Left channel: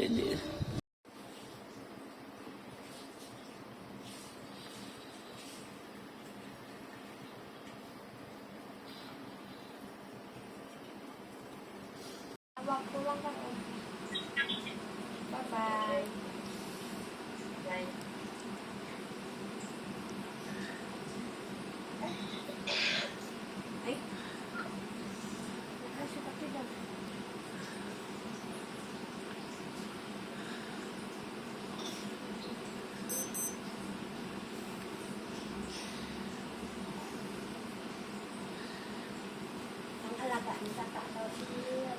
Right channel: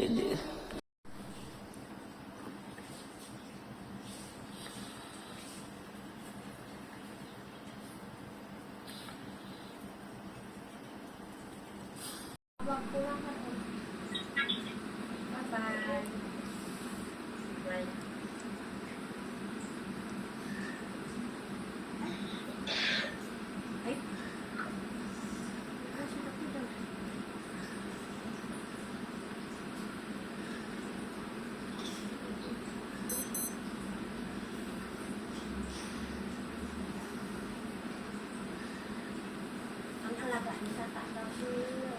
Hindi. Bye-bye. Bye. Ay. Kasi pati daw. Ang alaga ni tata daw sila.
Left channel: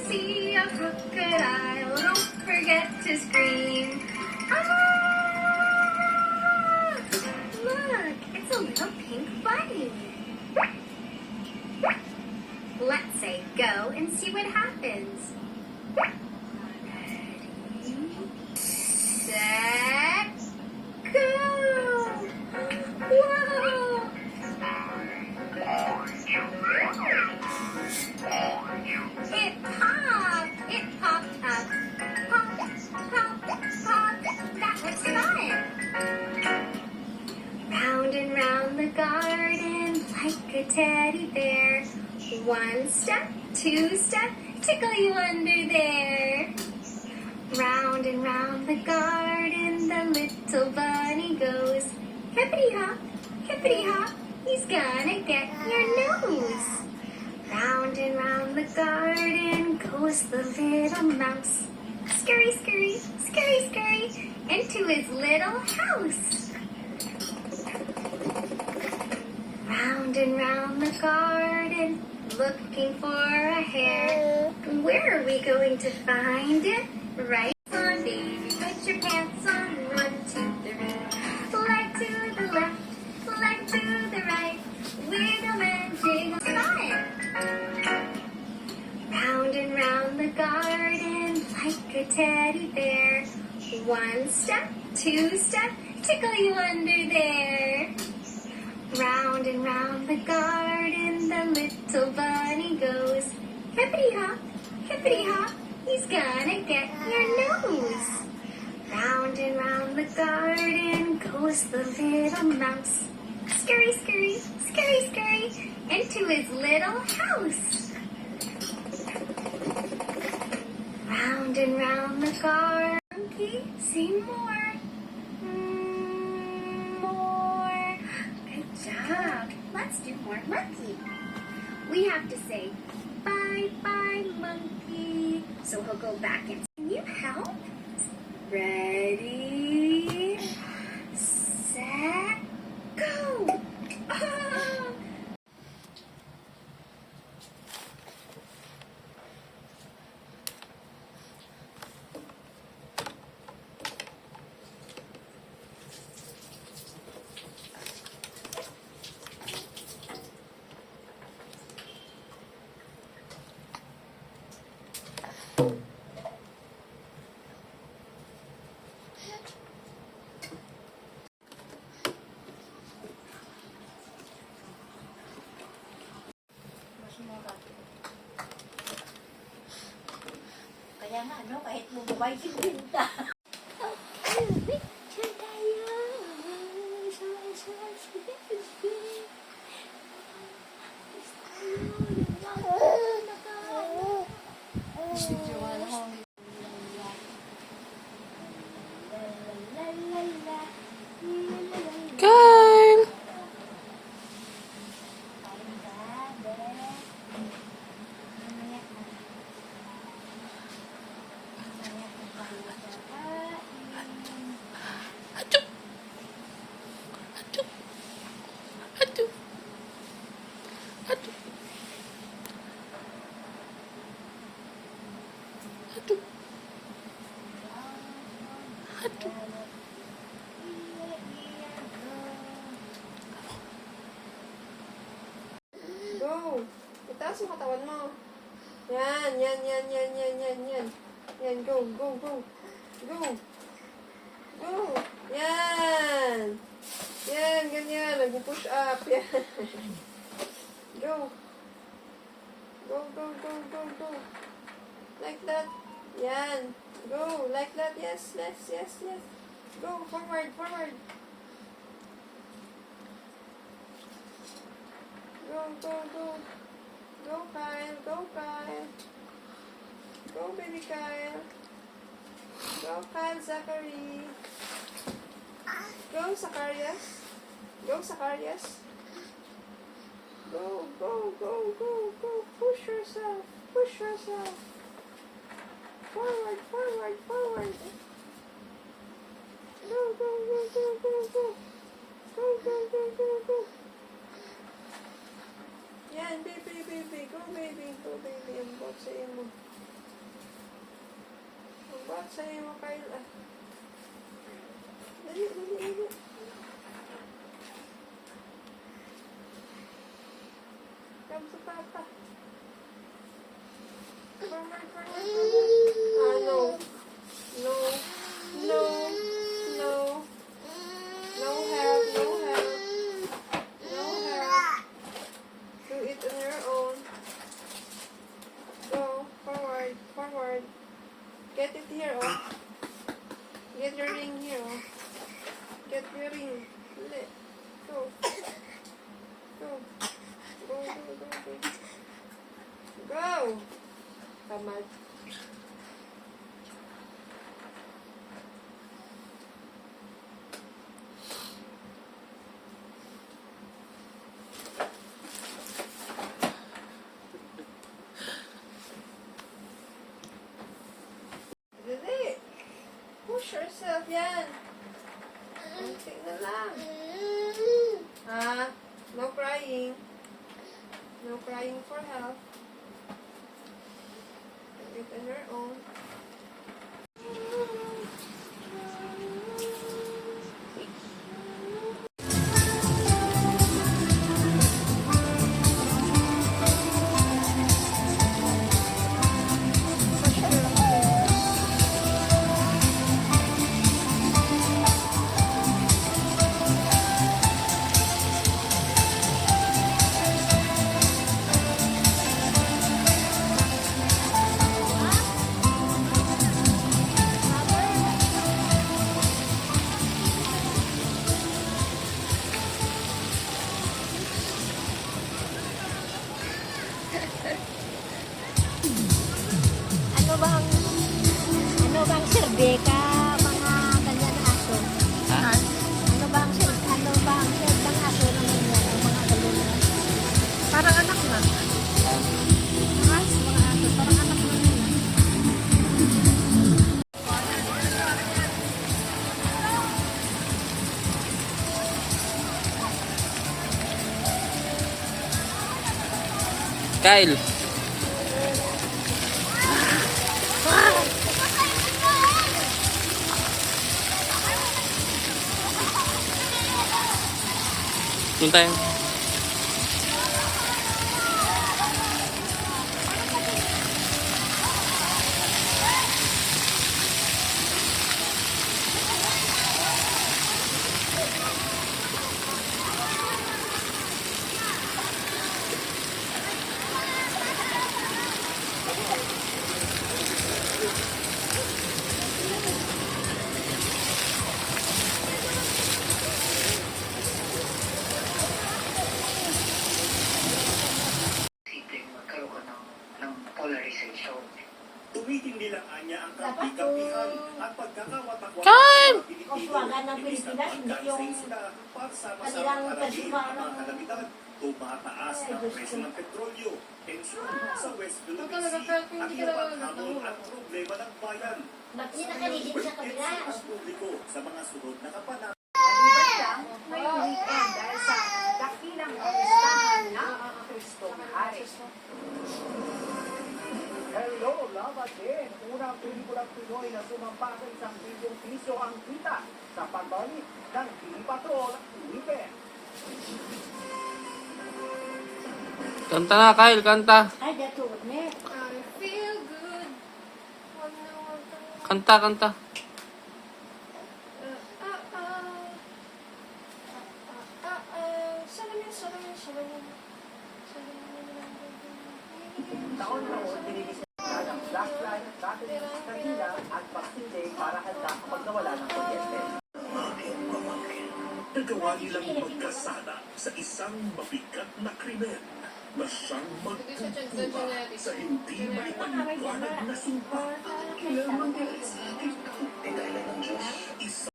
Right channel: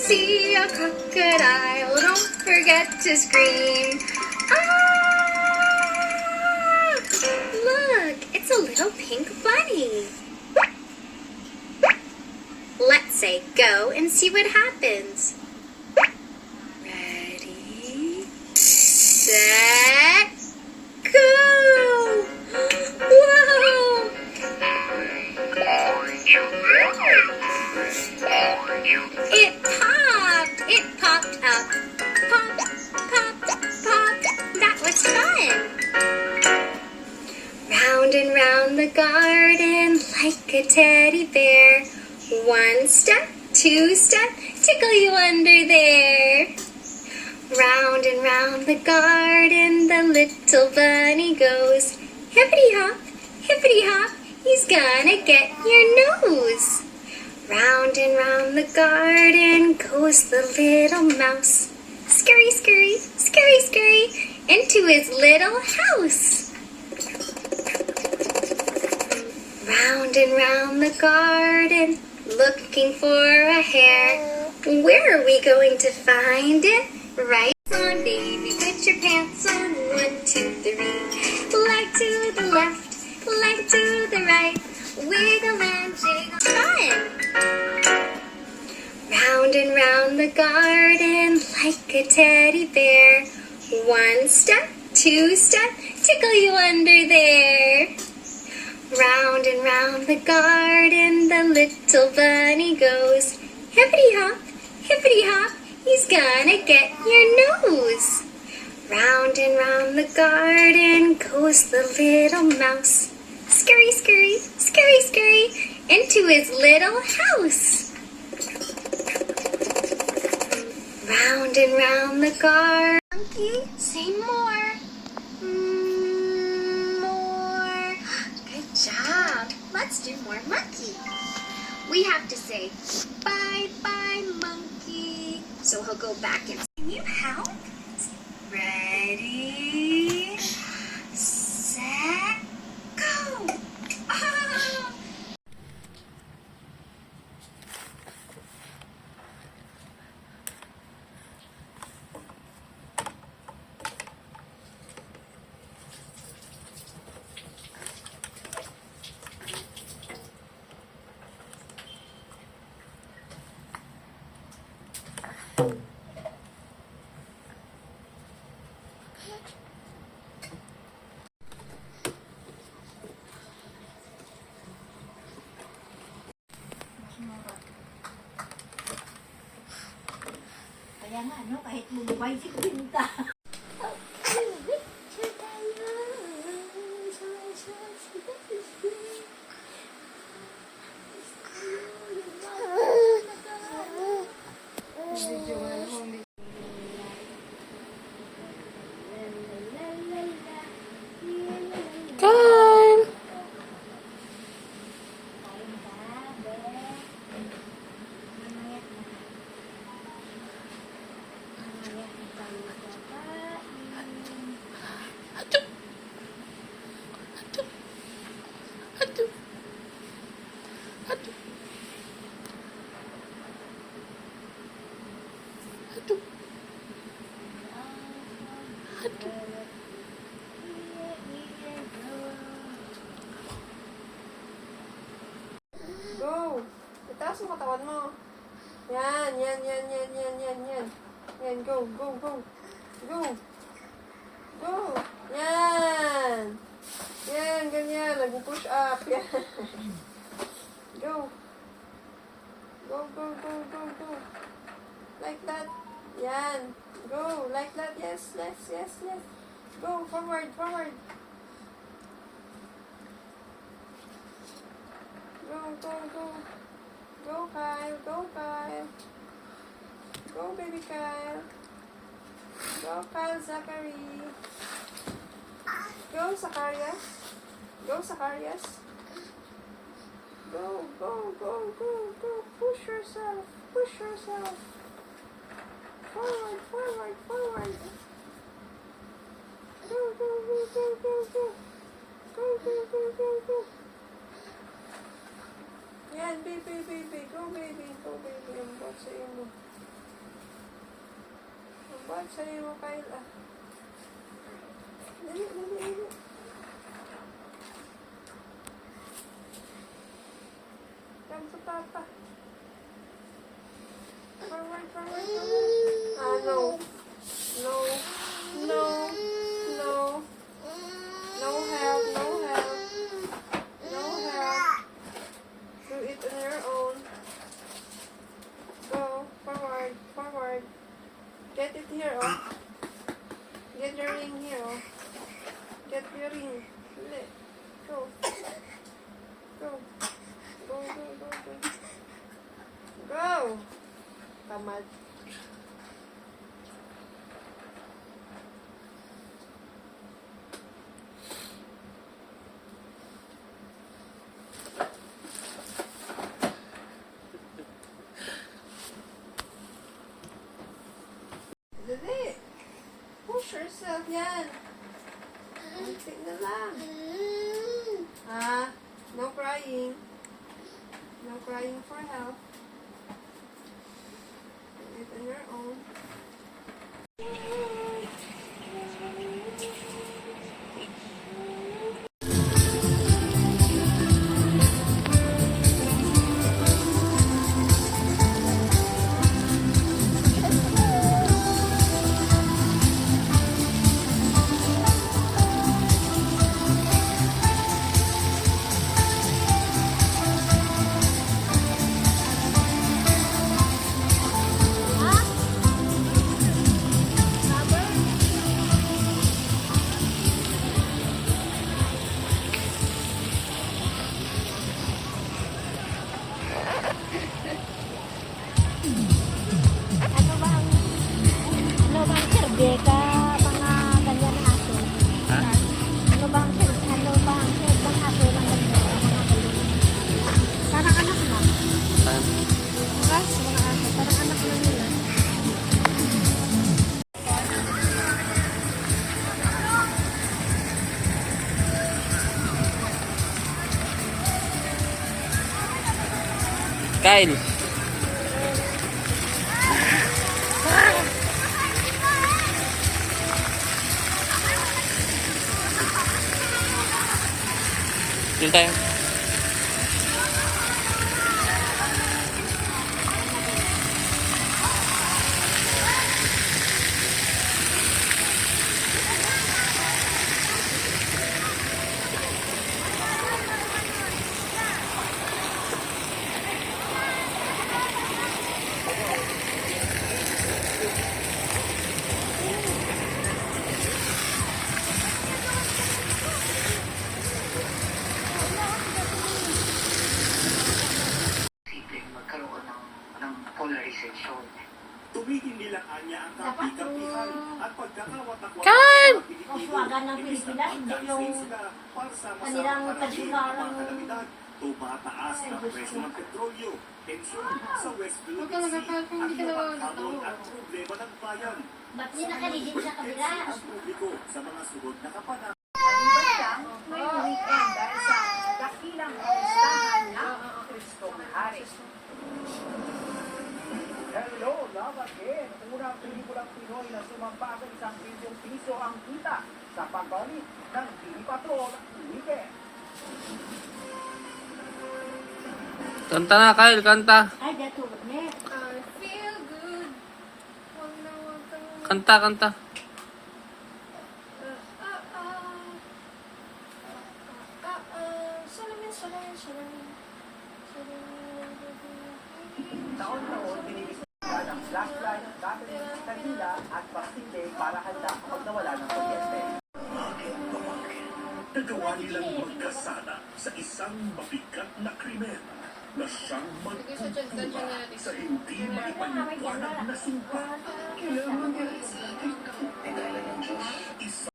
See a crocodile, don't forget to scream. Ah! Look, it's a little pink bunny. Let's say go and see what happens. Ready, set, go! Whoa! It popped up. Pop, pop, pop. That was fun. Round and round the garden like a teddy bear. One step, two step, tickle you under there. Round and round the garden the little bunny goes. Hippity hop, he's gonna get your nose. Round and round the garden goes the little mouse. Scurry, scurry, scurry, scurry, into his little house. Round and round the garden, looking for a hare. Where are we going to find it? Right on, baby, put your pants on. 1, 2, 3. Leg to the left, leg to the right. Wiggle and jiggle, fun! Round and round the garden like a teddy bear. One step, two step, tickle you under there. Round and round the garden the little bunny goes. Hippity hop, he's gonna get your nose. Round and round the garden goes the little mouse. Scurry, scurry, scurry, scurry, into his little house. Round and round the garden. Monkey, say more. More. Good job. Let's do more monkey. We have to say, bye, bye, monkey. So he'll go back and can you help? Ready, set, go. Oh. lang ano, kahit mumubay si Pinta. Picture tayo. Kyle! Go! Itaas mo katawan mo. Yan, yan, yan, yan, yan, yan, yan. Yan, go, go, go. Go. Go. Yan. Yan, ganyan. Nag-push up. Yan. Go. Go, go, go, go, go. Like that. Yan. Go. Like that. Yes, yes, yes, yes. Go. Forward, forward. Go, go, go. Go, Kyle. Go, Kyle. Go, baby Kyle. Go, Kyle Zachary. Go, Zacharias. Go, Zacharias. Go, go, go, go, go. Push yourself. Push yourself. Forward, forward, forward. Go, go, go, go, go, go. Go, go, go, go, go. Yan, baby, baby. Go, baby. Go, baby. Ang buhat sa imo. Ang buhat sa imo, Kyle. Ah. Dali, dali, dali. Come sa papa. Forward, forward, forward. Ah, no. No. No. No. No help, no help. No help. Do it on your own. Go. Forward, forward. Get it here, oh. Get your ring here, oh. Get your ring. Dali. Go. Go. Go, go, go, go. Go! Tamad. Dali. Push yourself, yan. Muntik na lang. Ah, no crying. No crying for help. Do it on your own. Ano ba ang silbi ka? Mga ganyan aso. Ano ba ang silbi? Ano ba ang silbi ng aso ng ganyan? Parang anak na. Mga aso. Parang anak na nila. Kyle! Yun tayo. sila, hindi yung kanilang pagsigawan. Tumataas ang presyo ng petrolyo, tensyon sa West Philippine talaga, Sea, pero kung at hindi ka iba naman pang hamon nagtawa. at problema ng bayan. Ba't nila kanigin sa kabila? Tensyon ang publiko sa mga sunod na kapanahon. Maliban lang ngayong weekend dahil sa dakilang pamistahan ng Kristong Hari. Hello, love again. Unang pelikulang Pinoy na sumampa sa 1 piso ang kita sa pagbalik ng TV Patrol Weekend. Kanta na, Kyle. Kanta. Ay, dato, me. I feel good. Huwag na huwag ka na. Kanta, kanta. Salamin, salamin, salamin. Taon-taon, dinigisita ng Black Lives Matter sa Kanila at Boxing Day para handa ang pagkawala ng kuryente. Nagawa nilang magkasala sa isang mabigat na krimen na siyang magtutuwa sa hindi maipaliwanag na sumpa. Kailangan nila sa ating kauntidalan ng Diyos. Isa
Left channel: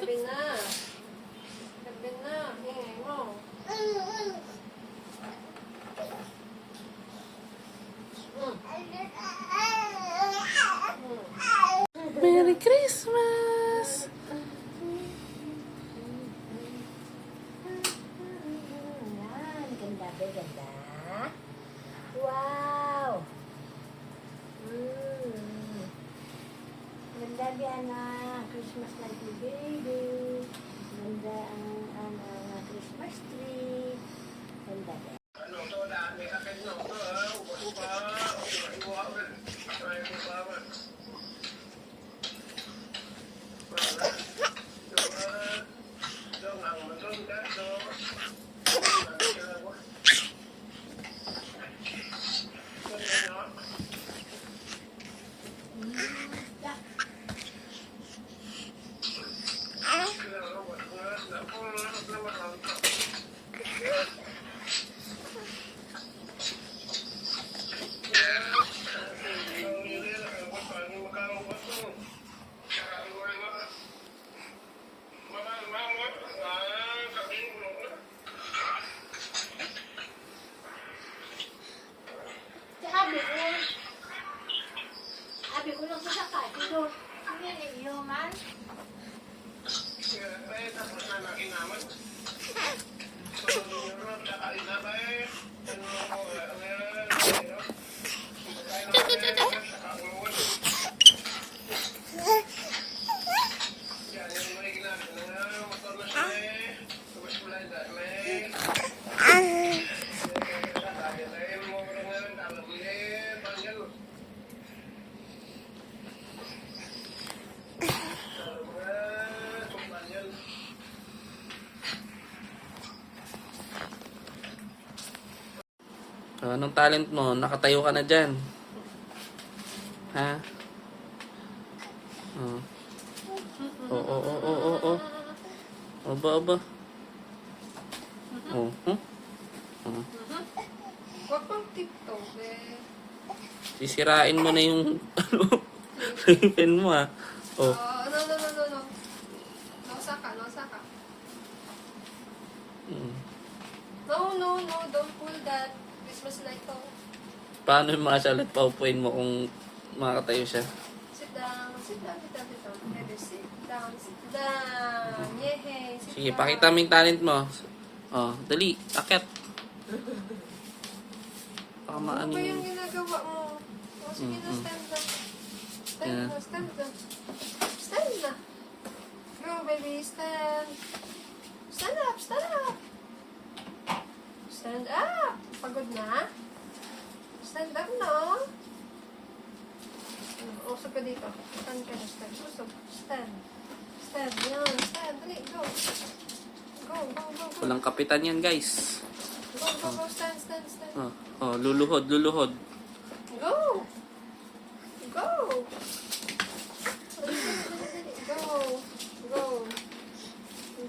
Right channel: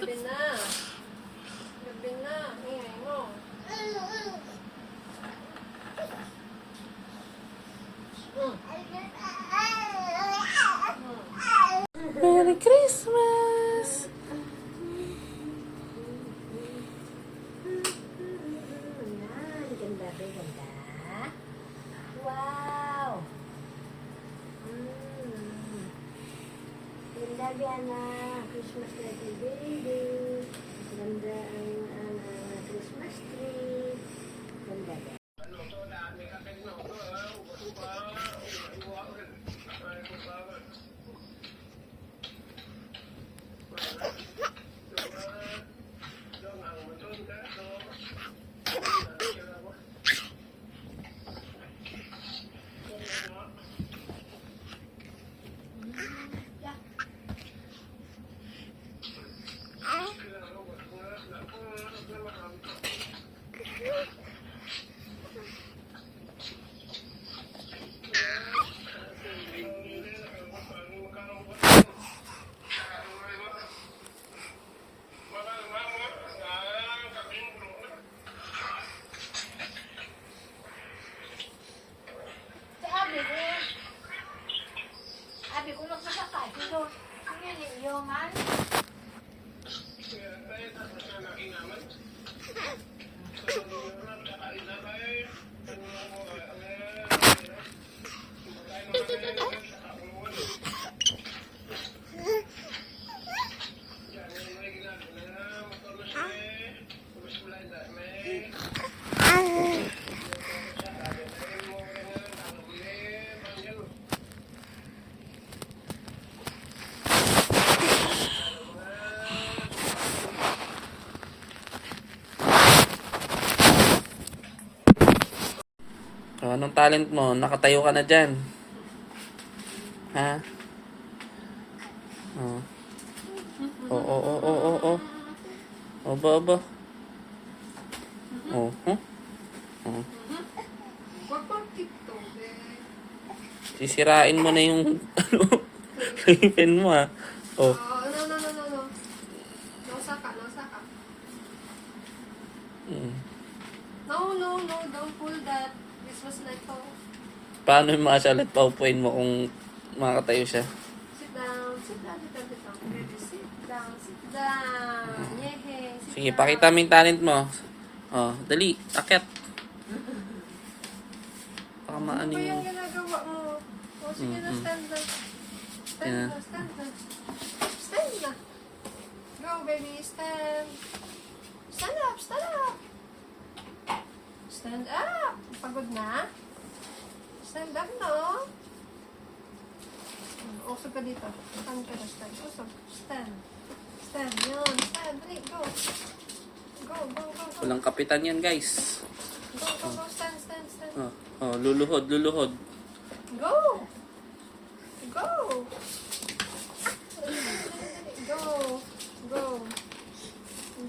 Gabi na. Gabi na. Ingay mo. Merry Christmas! Yan, ganda ba, ganda? Wow! Ganda Diana, Christmas light ni baby. Ganda ang Christmas tree. Ganda ba? Sabi ko lang sa sakay. Pero, ano yan eh, yoman? So, anong talent mo? Nakatayo ka na dyan. Ha? Oh. Oh. Aba. Oh. Huh? Oh. Huwag pang TikTok eh. Sisirain mo na yung yung pen mo, ha? Oh. No. Losa ka. Mm. No, don't pull that. Christmas light ko. Paano yung mga salat paupuin mo kung makakatayo siya? Sit down. Baby, sit down. Yehey. Sit Sige, down. pakita mo yung talent mo. Oh, dali. Akit. Baka maano Ano ba yung... yung ginagawa mo? O, sige na, stand na. Yeah. Stand na. Go, baby, stand. Stand up. Stand up. Pagod na? Stand up, no? Usog ka dito. Stand ka na, stand. Usog. Stand. Yan. Stand. Dali, go. Go. Walang kapitan yan, guys. Go, stand. Luluhod. Go! Go!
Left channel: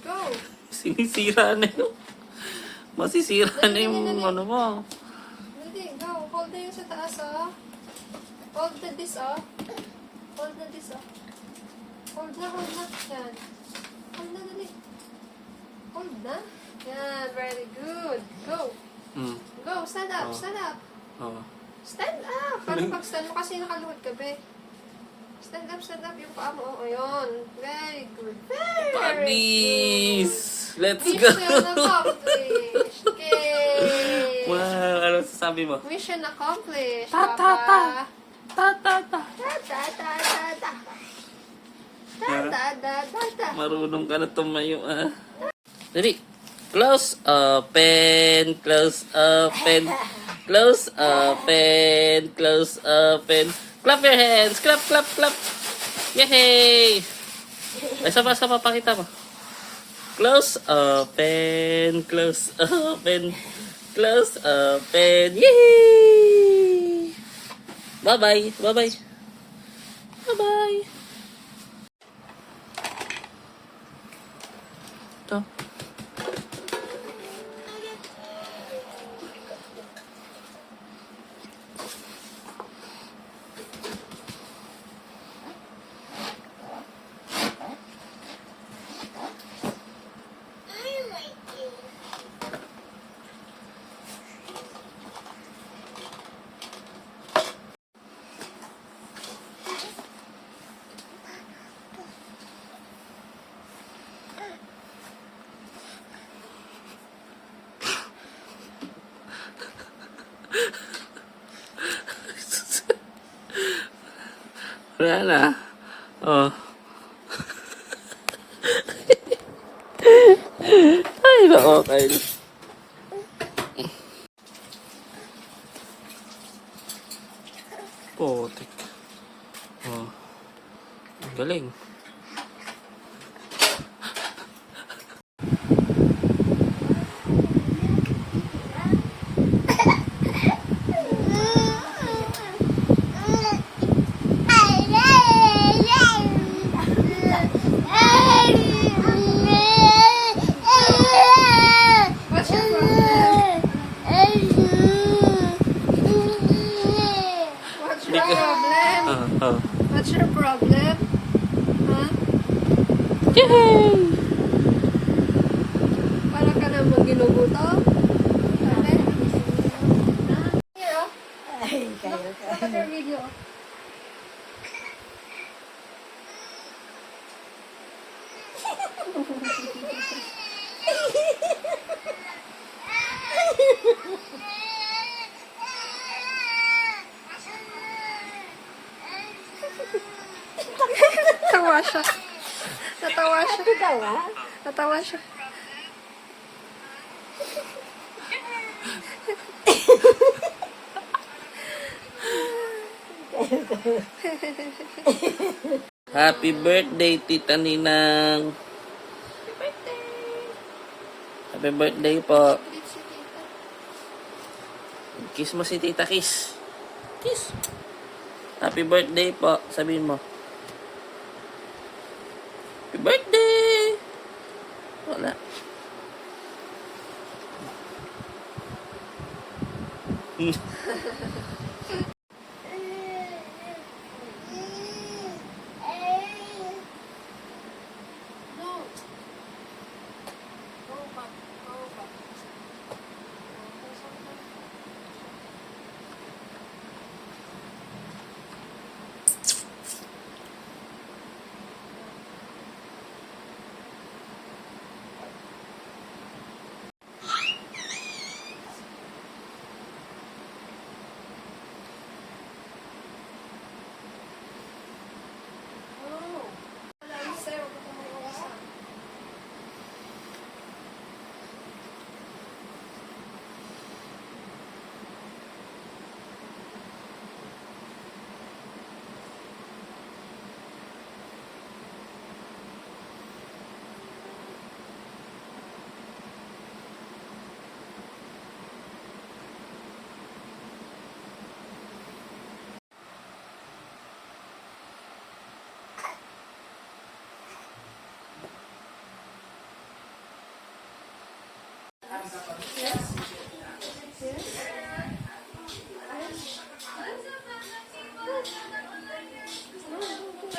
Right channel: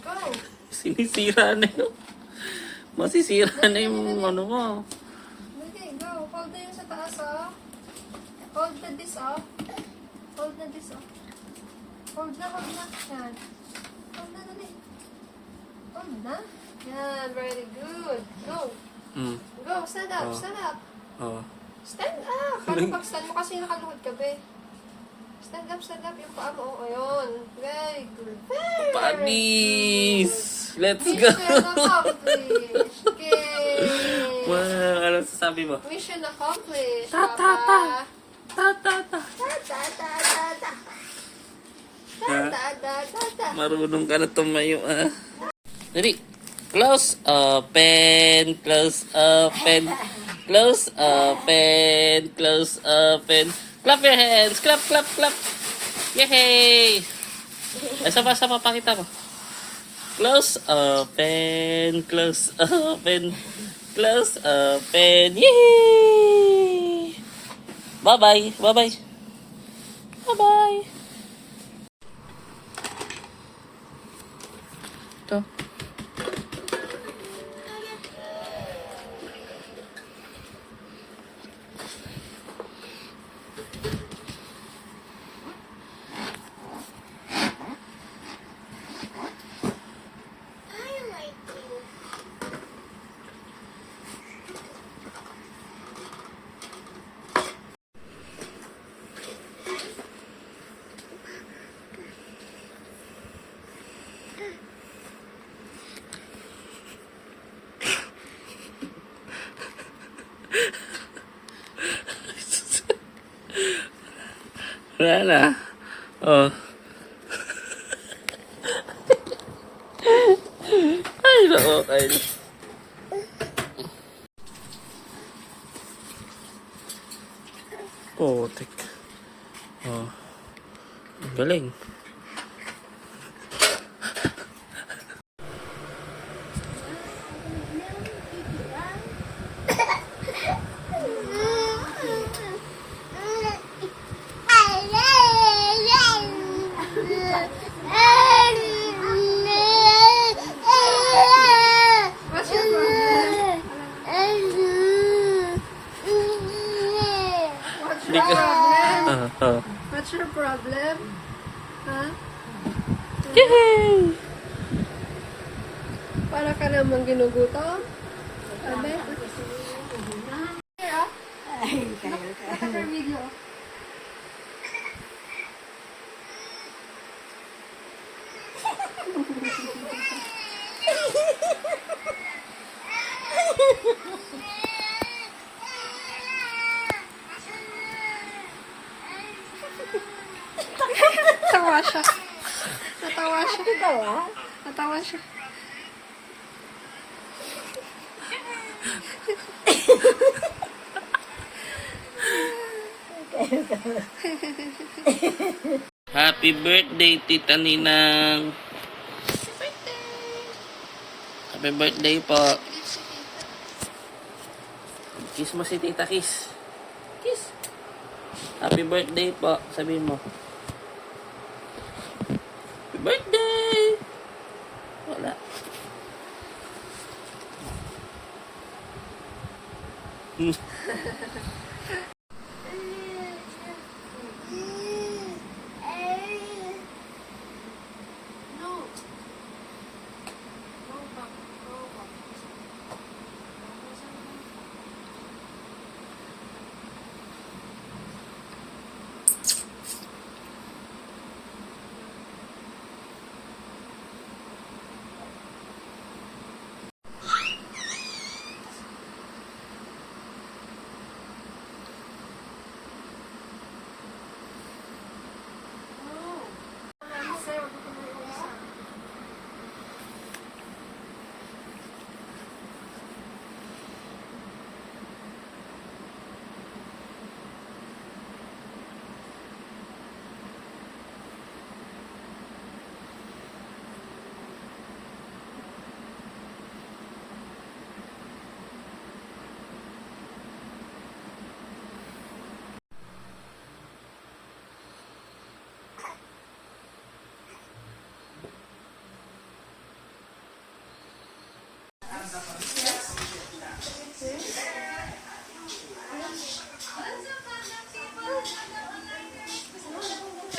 Go! Sinisira na yun. Masisira na yung ano mo. Hindi, go. Hold na yung sa taas, oh. Hold na this, oh. Hold na this, oh. Hold na. Yan. Hold na, dali. Hold na. Yan, very good. Go. Go, stand up. Stand up. Stand up. Paano pag-stand mo? Kasi nakaluhod ka, be. Stand up yung paa mo. Ayun. Very good. Very Puppies! Let's go! Mission accomplished. Okay. Wow, ano sasabi mo? Mission accomplished, Ta. Papa. Ta. Marunong ka na tumayo, ah. Dali. Close, open. Clap your hands. Clap. Yay! Isa pa, pakita mo. Close, open. Yay! Bye-bye. Ito. Wala na. Oh. Ay, nako, Kyle. Potek. Oh. Ang galing. What's your problem? What's your Hindi ka- problem? What's your problem? Huh? Para ka naman ginuguto? Look at your video. Natawa siya. Natawa siya. Happy birthday, Tita Ninang. Happy birthday po. Kiss mo si Tita, kiss. Kiss. Happy birthday po. Sabihin mo. Happy birthday! Wala.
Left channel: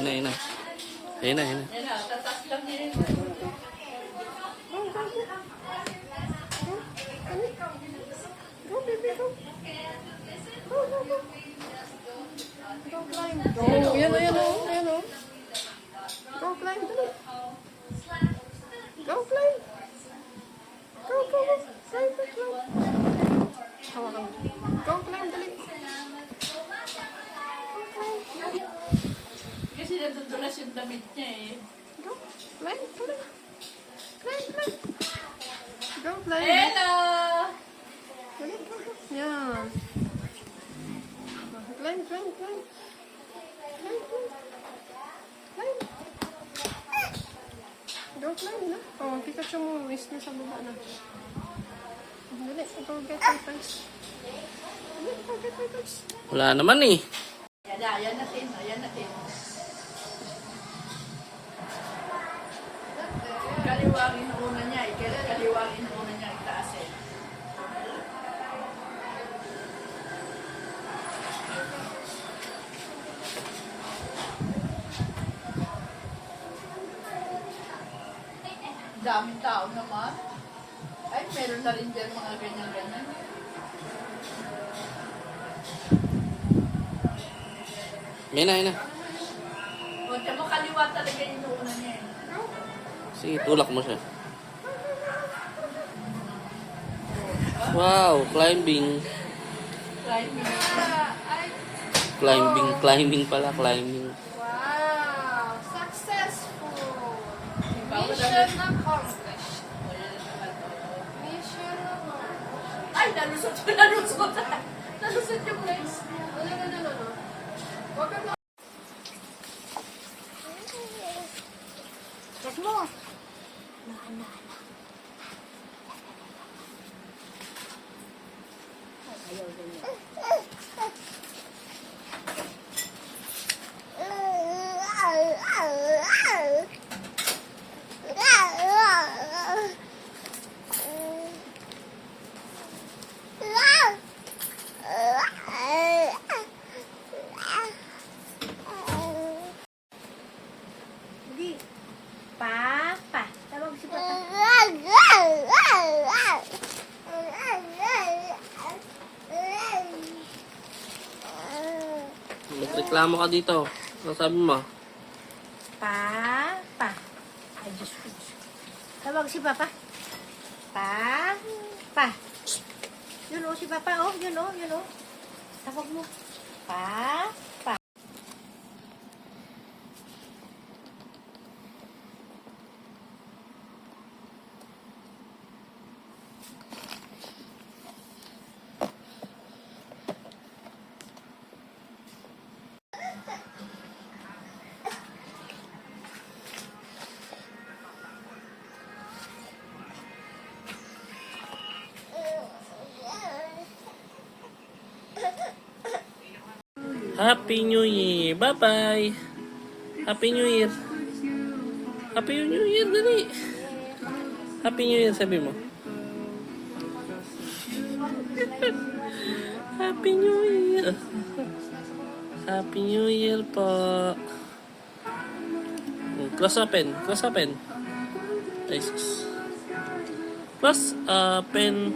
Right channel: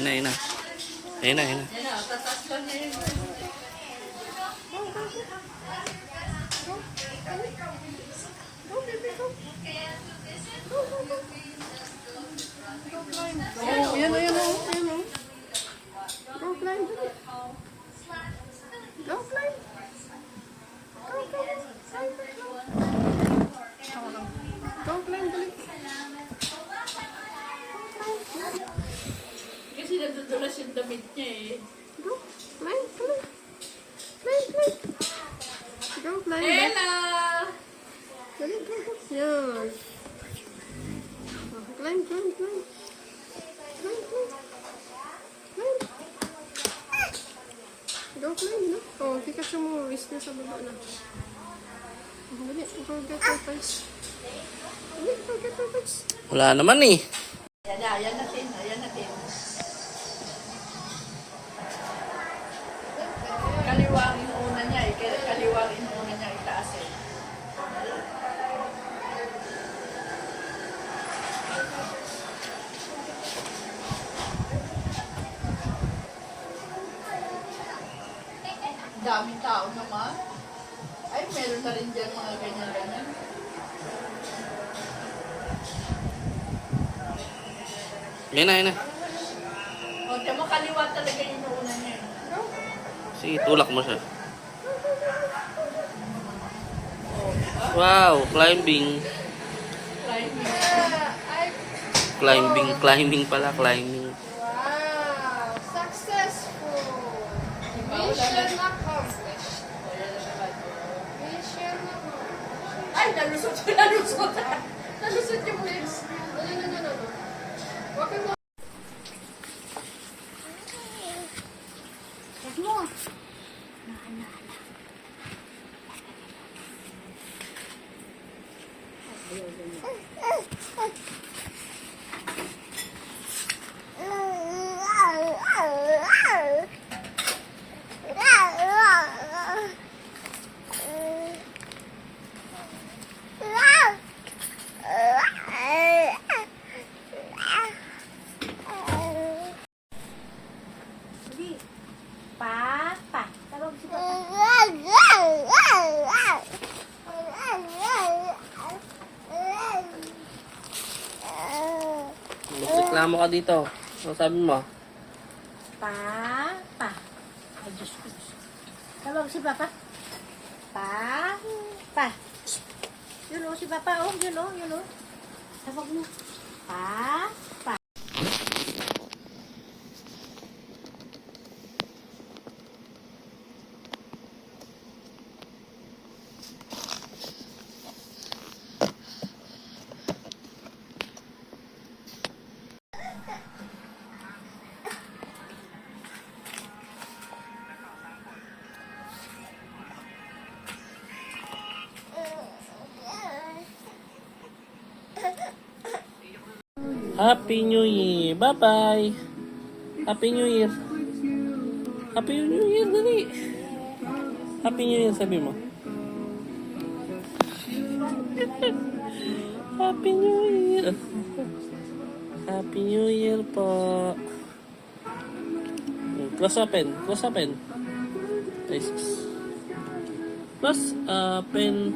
Ayun na. Ayun na. Oh, yan o. Go climb. Go climb. Go climb, dali. Kasi natutulas yung damit niya eh. Go, climb, come on. Climb. Go climb. Hello! Dali, go. Yan. Climb. Go climb, no? Oh, Pikachu mo. Miss mo sa baba, no? Go get your first. Go get your first. Wala naman eh. Ayan natin. Kaliwangin muna niya eh. Kaliwangin muna niya itaas eh. Daming tao naman. Ay, meron na rin dyan mga ganyan-ganyan. Ayun na. O, tsaka kaliwa talaga yung inuuna niya eh. Sige, tulak mo siya. Wow, climbing. Climbing pala. Wow! Successful! Mission accomplished. Mission accomplished. Ay, nalusot. Nalusot yung legs. No. Huwag ka na. Check mo. Hindi. Papa. Tawag si Papa. Reklamo ka dito. Ano sabi mo? Papa. Ay, Diyos ko. Tawag si Papa. Papa. Yun o, si Papa. Oh, yun o. Tawag mo. Papa. Happy New Year. Bye-bye. Happy New Year. Happy New Year, dali. Happy New Year, sabi mo. Happy New Year. Happy New Year po. Close open. Jesus. Close open.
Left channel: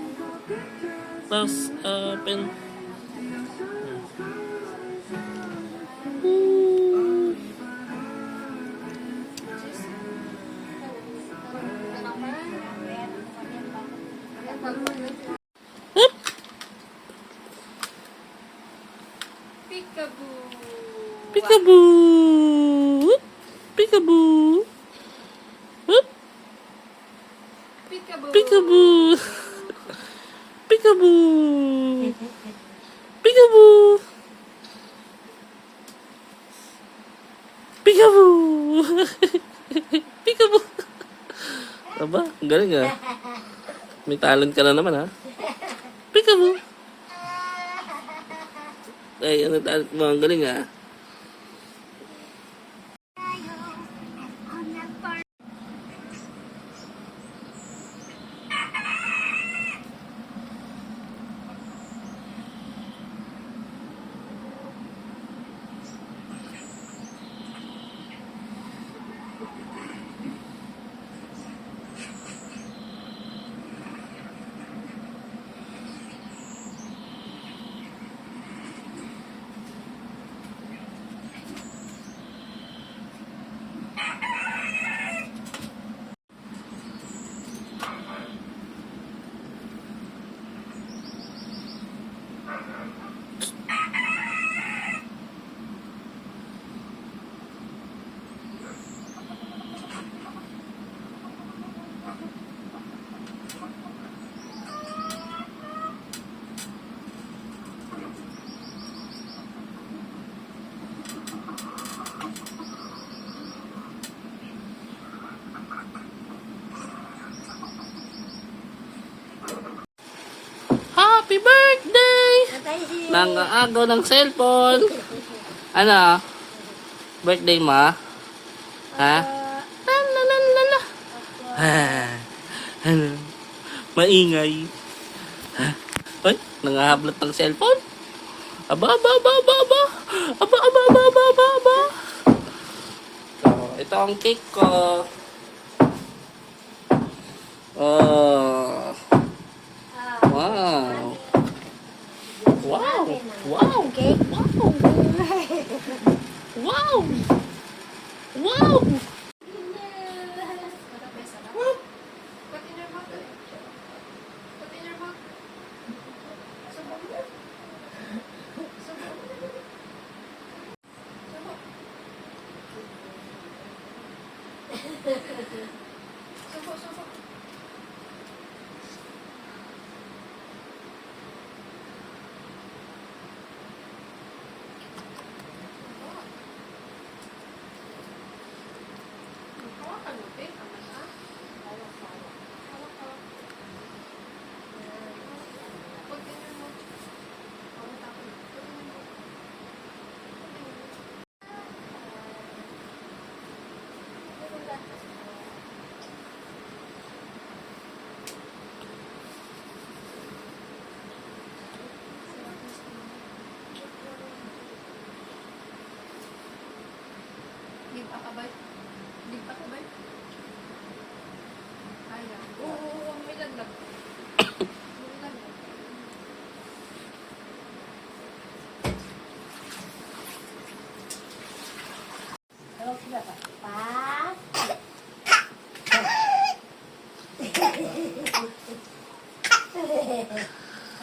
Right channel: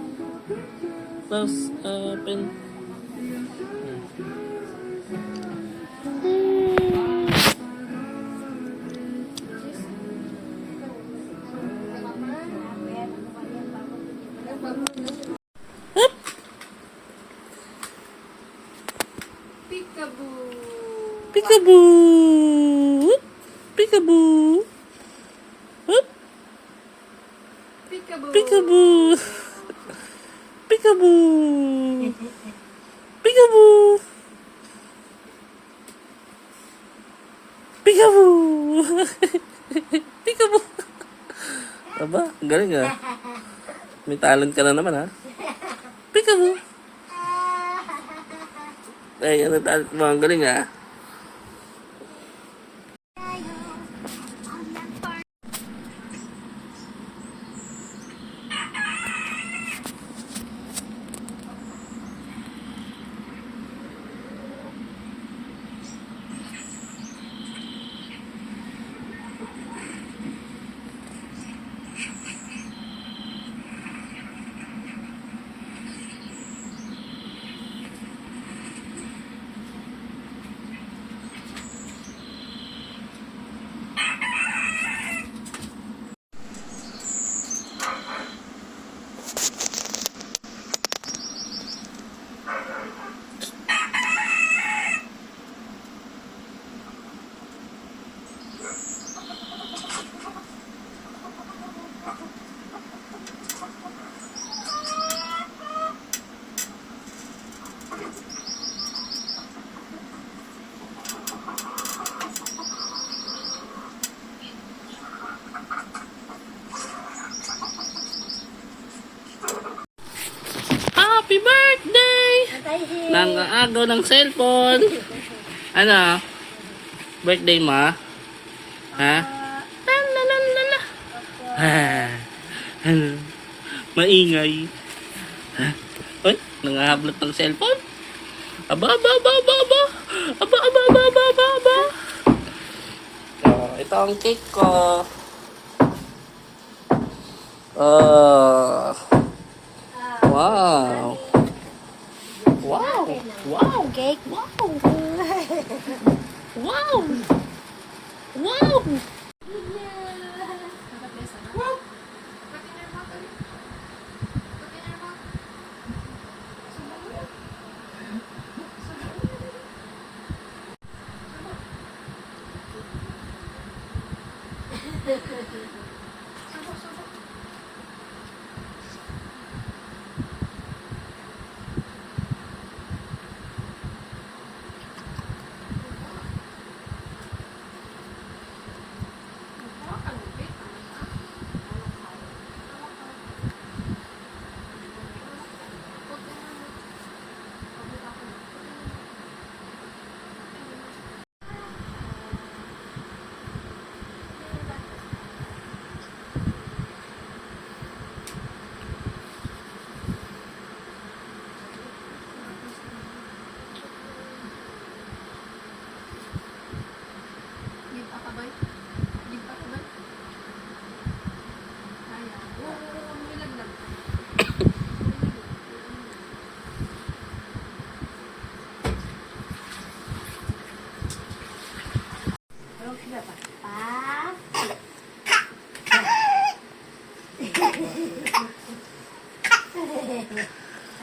Peekaboo. Peekaboo. Hup. Peekaboo. Peekaboo. Peekaboo. Peekaboo. Peekaboo. Peekaboo. Aba, ang galing ah. May talent ka na naman ha. Peekaboo. Ay, ano talent mo? Ang galing ah. Nangaagaw ng cellphone. Ano? Birthday mo? Ha? Lalalala. Ano? Maingay. Ha? Uy, nangahablot ng cellphone? Aba. Oh, ito ang cake ko. Oh. Wow. Cake. Wow. Wow.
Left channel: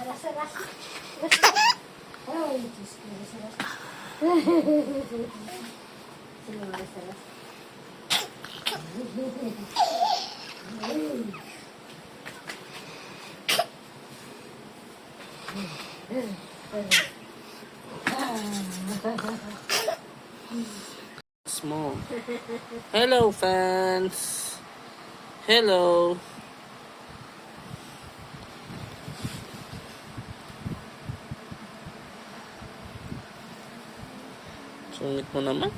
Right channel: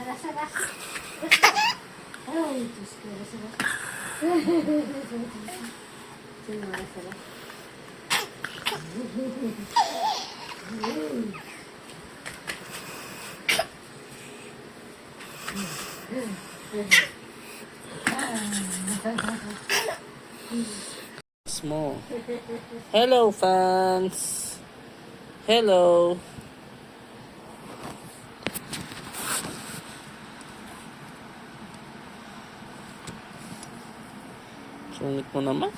Aras. Ay, Diyos ko, aras. Sino aras? Small. Hello, fans. Hello. Sungit mo naman.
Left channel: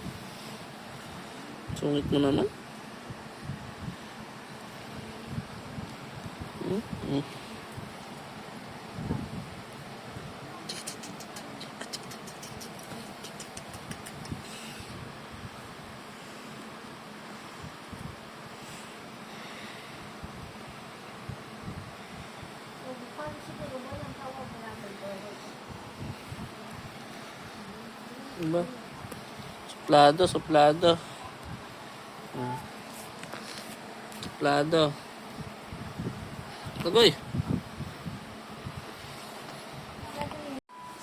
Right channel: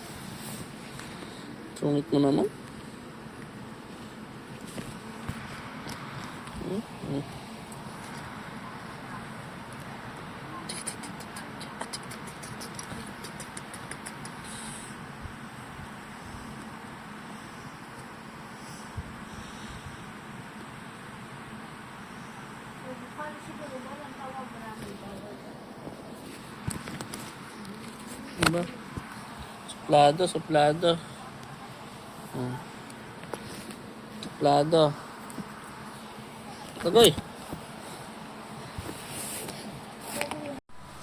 Diba? Suplado. Suplado. Tagoy.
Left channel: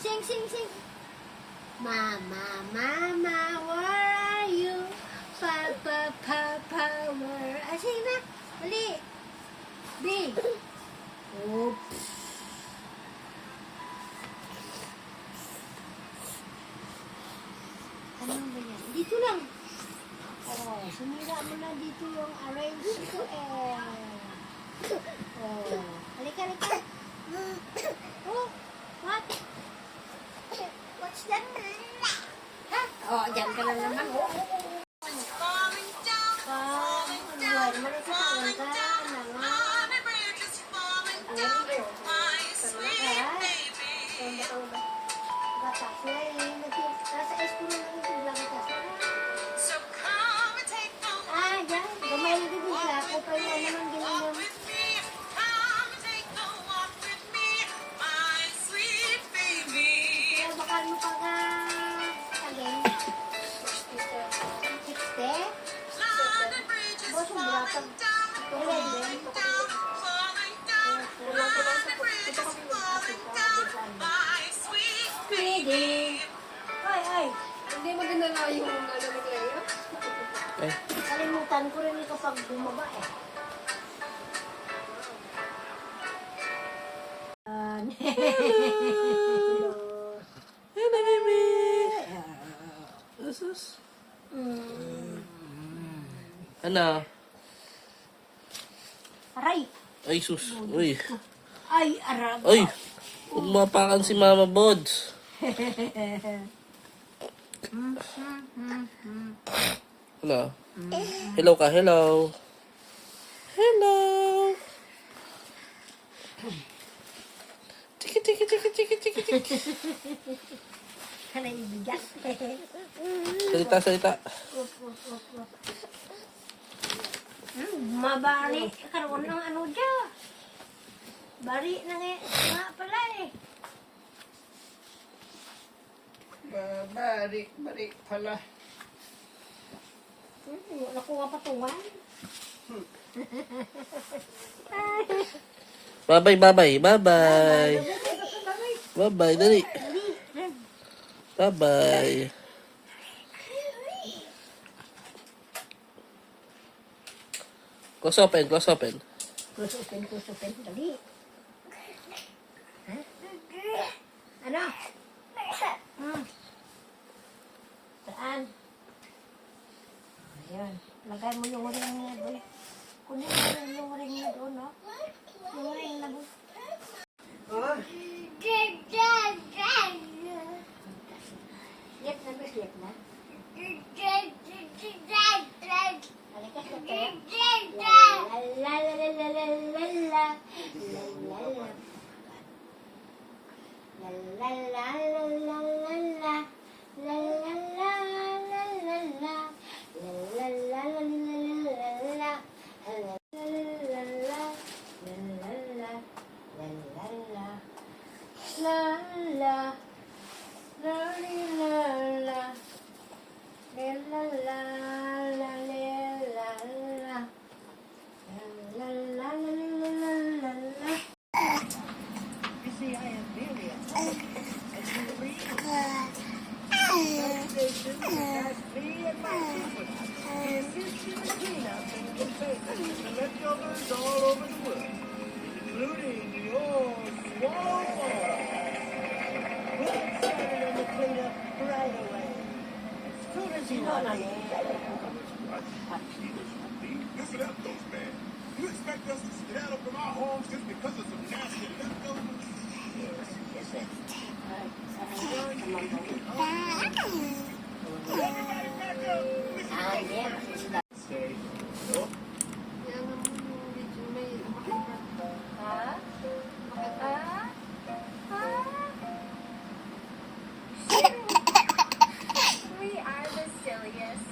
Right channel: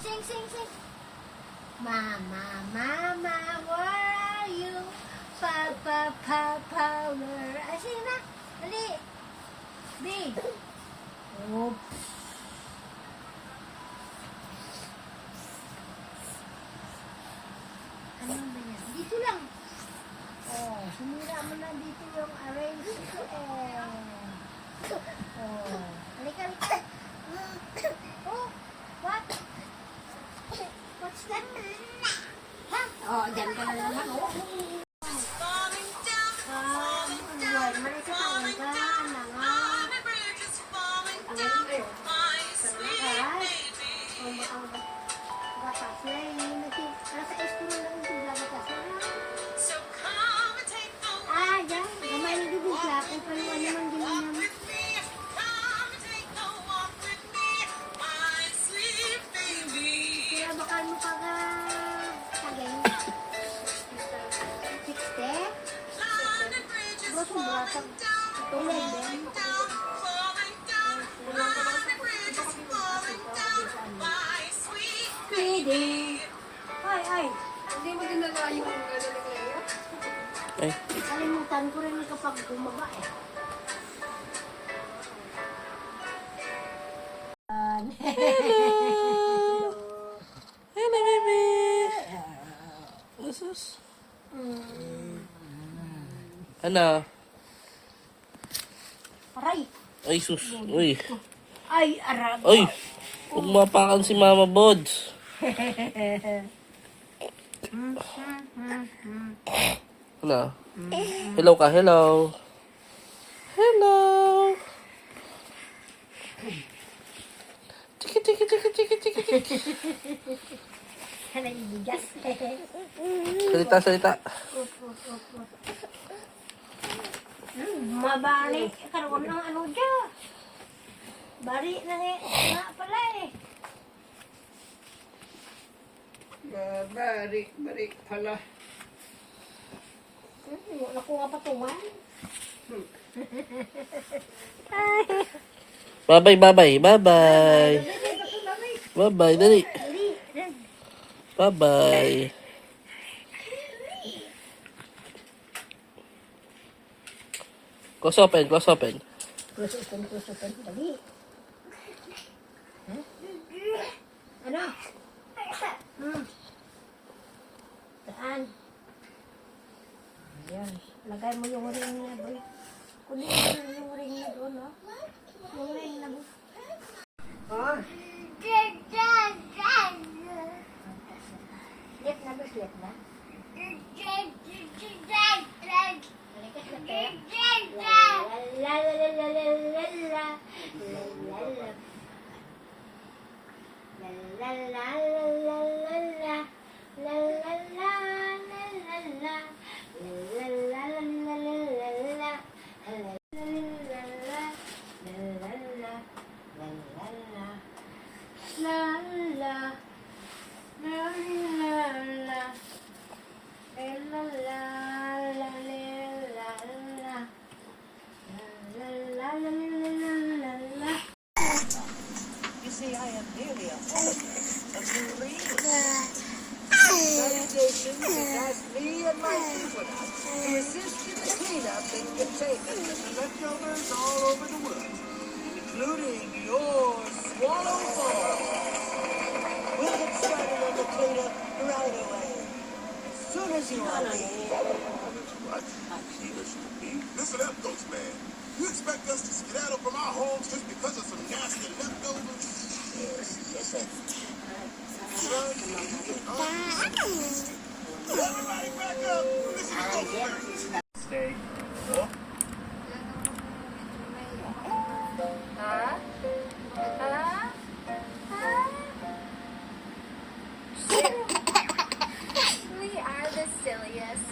Sing. Mama, where are you? Papa, where are you? Sing na. Dali. Big. Oops. Ano ba yan? Dito lang. Oh, sumira mo na dito yung arrange ko Oh, halika. Oh, what? What's that? Oh, dyan ka na naman. Ay. Hindi maganda na yung gagawin ngayon. Kalimutan ko rin kapag bumaba Hello, baby. Asus. Ano? Aray. Ay, sus. Uy. Ay, aray. Uy. Huwag mapakan si Mama Bod. Ano? Hello ka, hello. Hello. Tiki, tiki, tiki, tiki, tiki, tiki. Kana ibigat. Salita, salita. Mabali. Karoon ng ano dyan. Bari na nga pala eh. Balik pala. Wala ko nga patungan. Bye-bye, bye-bye, bye-bye. Bye-bye, dali. Bye-bye. Close open, close open. Close open. Dali. Ha? Ano? Saan? Ayan. Lagay mo yung ring na doon. Kunin mo yung ring na doon, no? Yung ring na doon. Slip na ba? Slip na? Halika, slip. La la la la la la la. La la la. La la la la la la la. La la la la la la. La la la la la la la. You see, I am merely a marine. Congregation has asked me and my people to assist in the cleanup and containment of the leftovers all over the world, including your swallow ball. We'll get started on the cleanup right away, as soon as you want it. Listen up, Ghost Man. You expect us to skedaddle from our homes just because of some nasty leftovers? Yes, that's Everybody back up! This is Ghost Man. Stay. Ha? Ha? We are the silliest.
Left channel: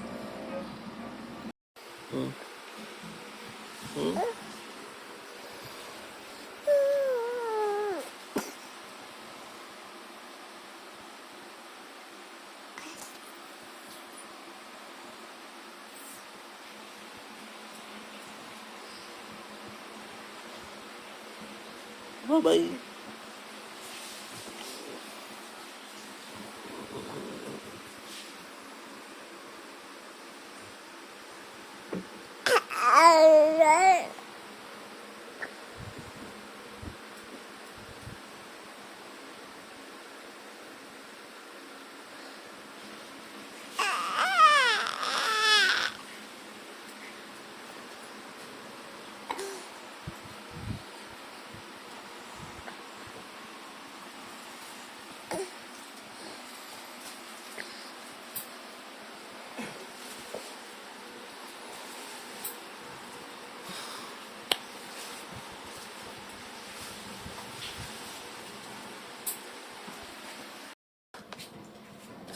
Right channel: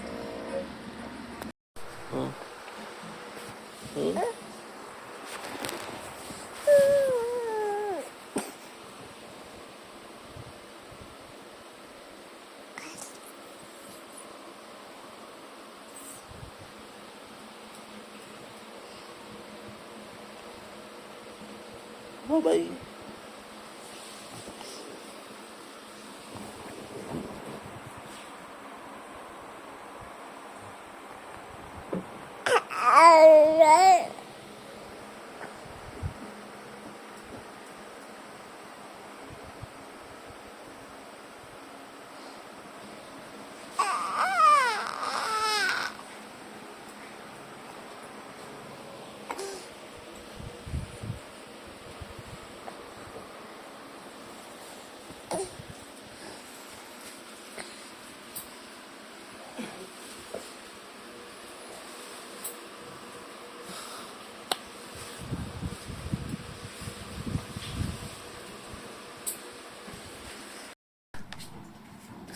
Bye-bye.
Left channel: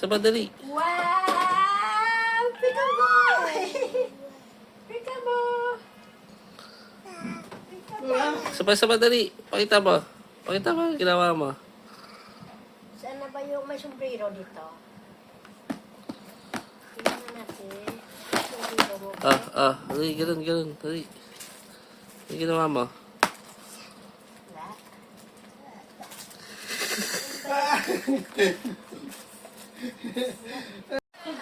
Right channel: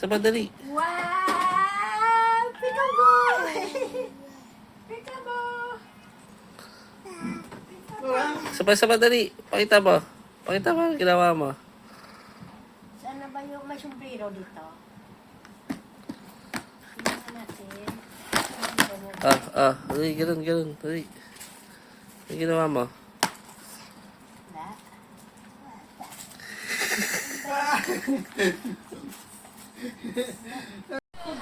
Sa madali. Wow! Peekaboo! Peekaboo! Sa madali. Pakita mo. Pakita mo ang ginawa mo. Saan na ba yung may sombrero dito? Tingnan natin. Sombrero mo. Dali, ganun. Dali. Ang ginawa mo.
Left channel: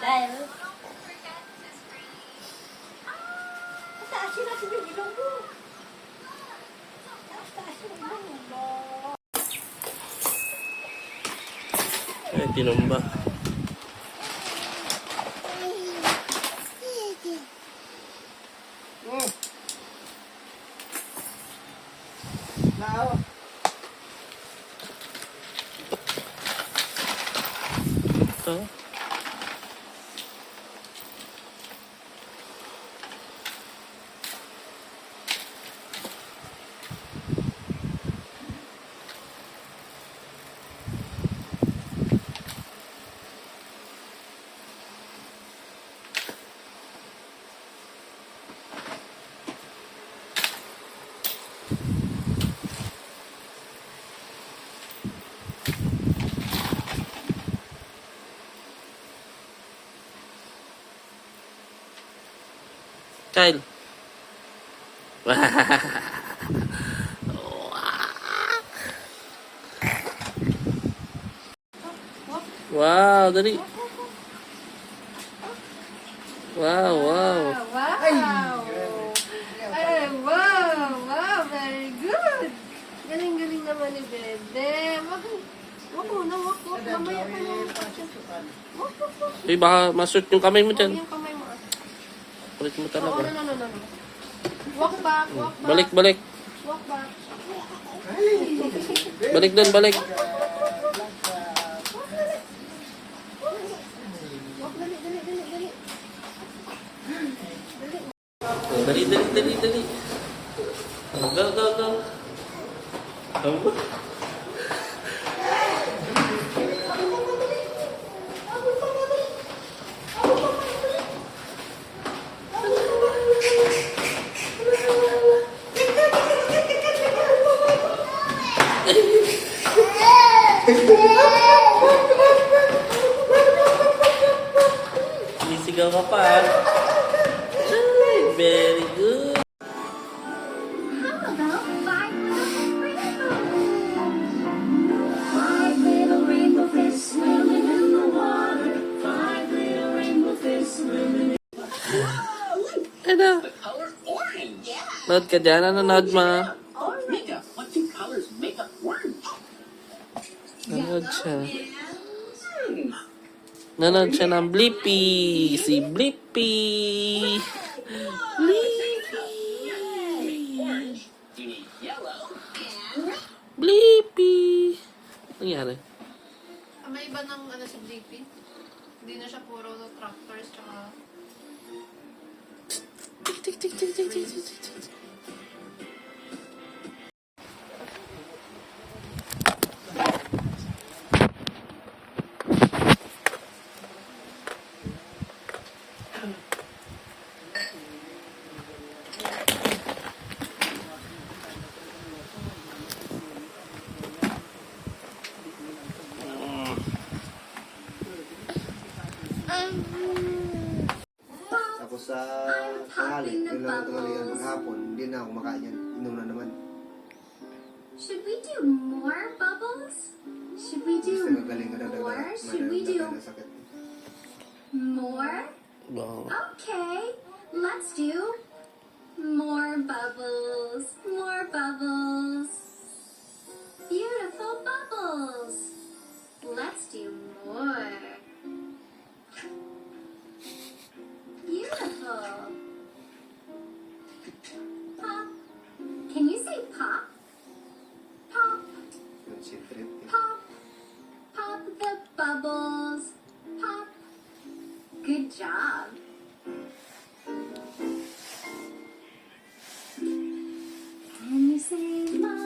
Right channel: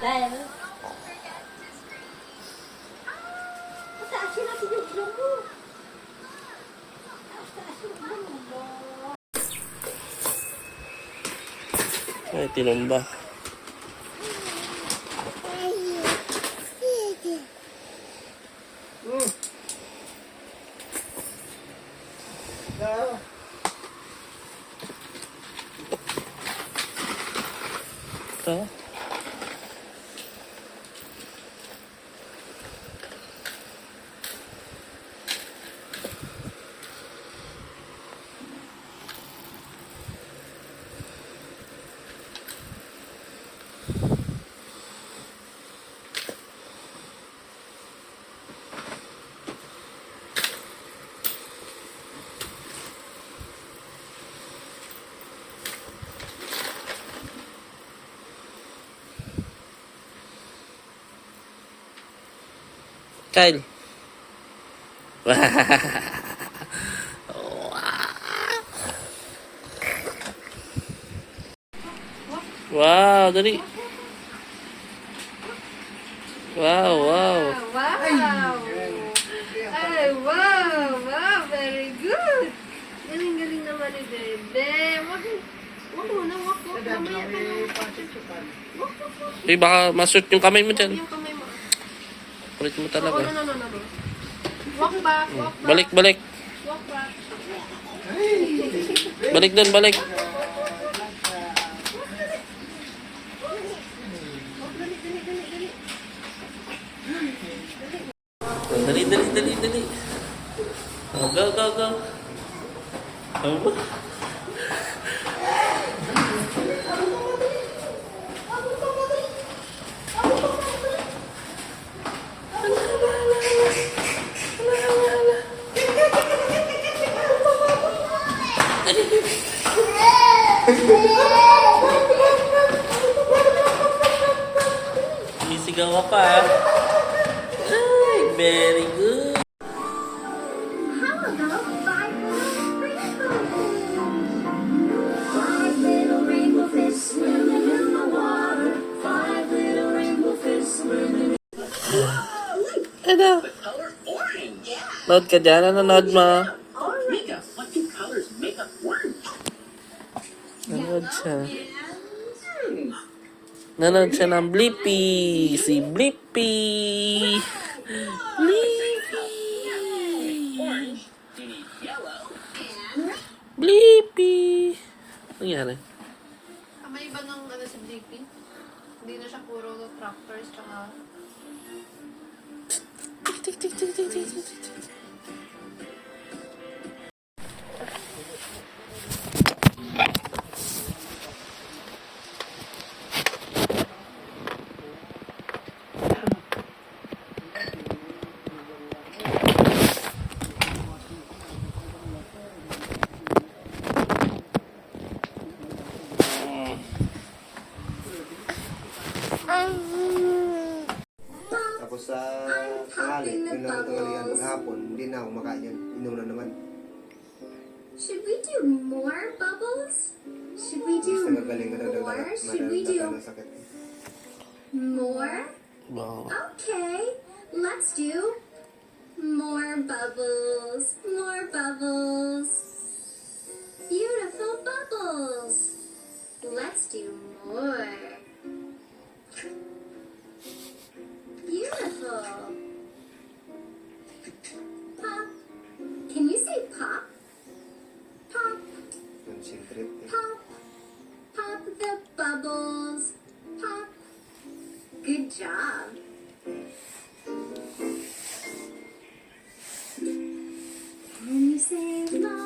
Dahil taasin natin yung ilong mo. Taasin yung ilong mo. Ay, tinumba. Kyle. Wow, dali. Wow, wow. Wow! Ay, wow! Wow, very good! Galing-galing naman ni Dede. Wag muna, wag. Mamaya ka na. Wag. Eh, baka masut yung kamay mo dyan. Yung kamay mo. Kulit mo Oo, talaga. no. Walk back, walk back. Balik, balik. Walk back. Balik doon, balik. Dali. Dali. Oh, go. Oh. Sisigaw ka pa. Ay, very good. How about five little rainbow fish swimming in the water? Five little rainbow fish swimming. Ano? Nod ka dyan? Ano nod mo? Nanood siya. Nanood siya ng Blippi. Si Blippi. Blippi. Ano nangyari? May iba ng ano sa JP? Hindi na siya puro tractors tsaka... Tik. Tapos sa tanghali, yun lang ang tanghalian paghapon, hindi na ako makain yan. Inom na naman. Should we do more bubbles? Should we Basta do gagaling ka more? Should we nadagdagan do na sakit. more? Wow. Okay, let's do more bubbles. More bubbles. Beautiful bubbles. Let's do more. Beautiful. Pop. Can you say pop? Pop. Concentrate. Pop. Pop the bubbles. Pop. Good job. Can you say no?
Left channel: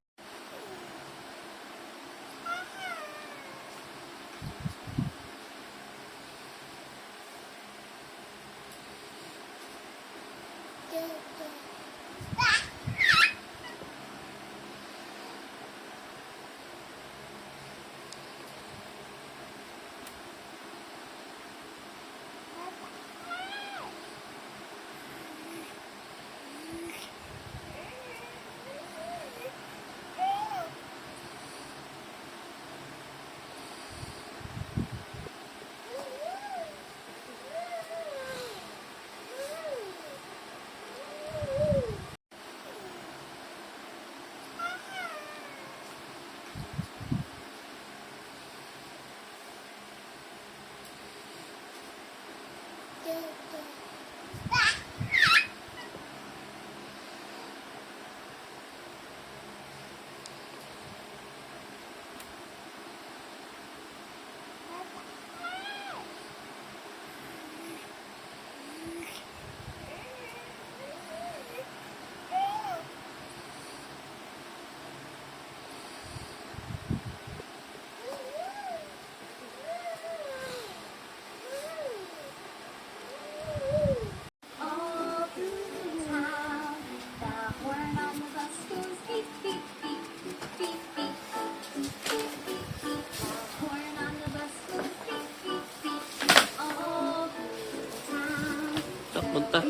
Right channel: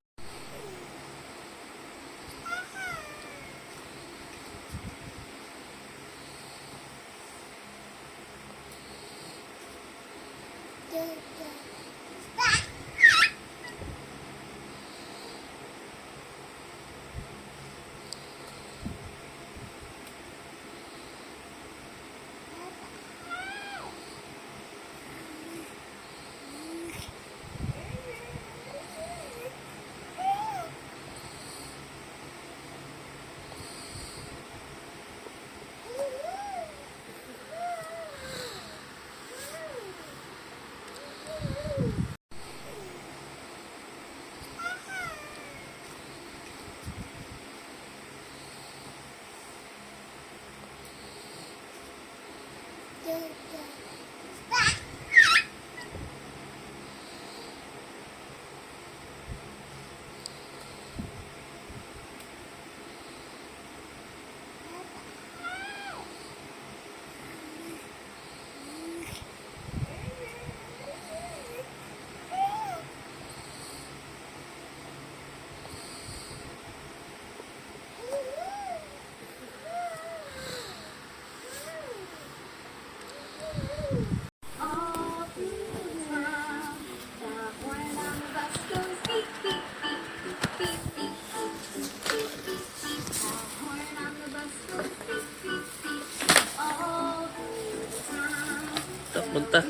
Punta.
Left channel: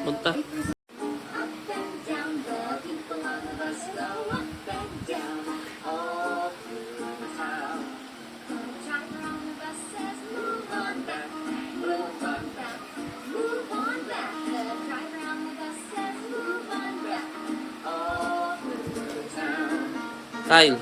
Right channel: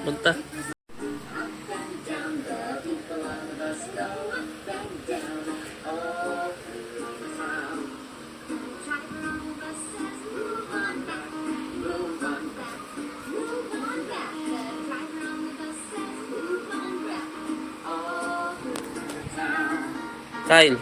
punta. Kyle.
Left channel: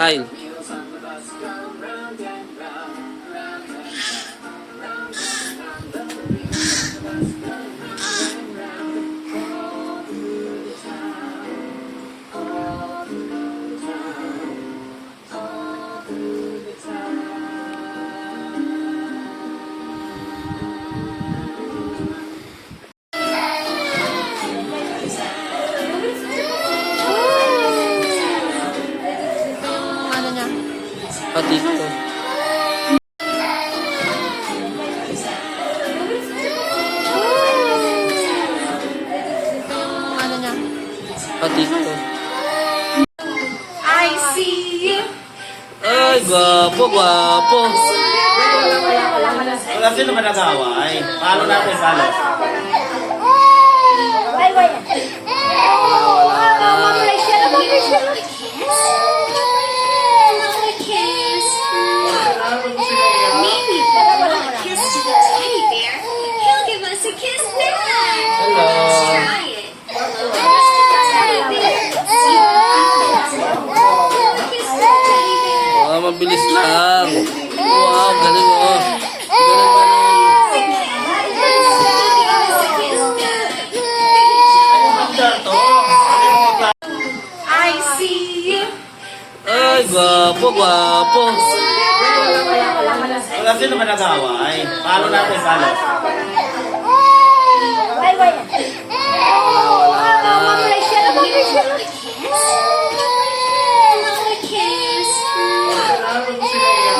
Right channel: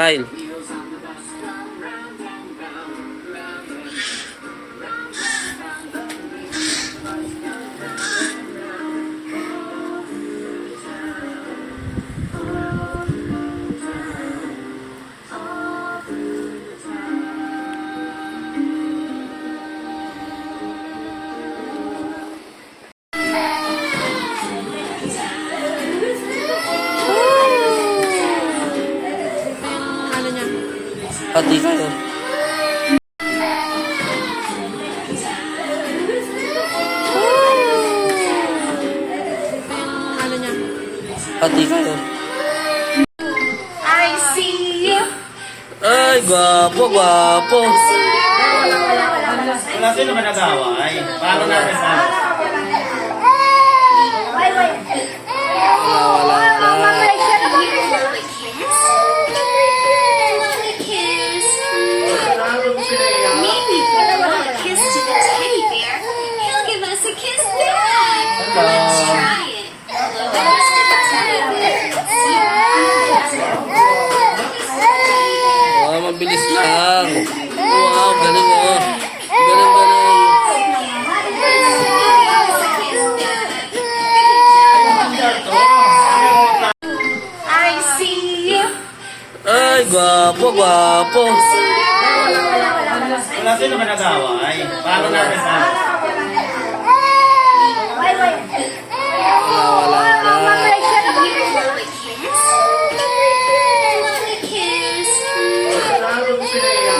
Kyle. Pati kayo. Pati kayo. I see you. Ay, gwapo, gwapo. Wala sino ba nag-away? Paano natin paano? Maybe if we blow a kiss to the teddy bear, he'll give us a kiss back. Let's try it. Blow a kiss to the teddy bear. Kiss the teddy bear. Wow, mabilis lang. Wow, galing oh. Galing, galing. I see you. Ay, gwapo, gwapo. Wala sino ba nag-away? Paano natin paano?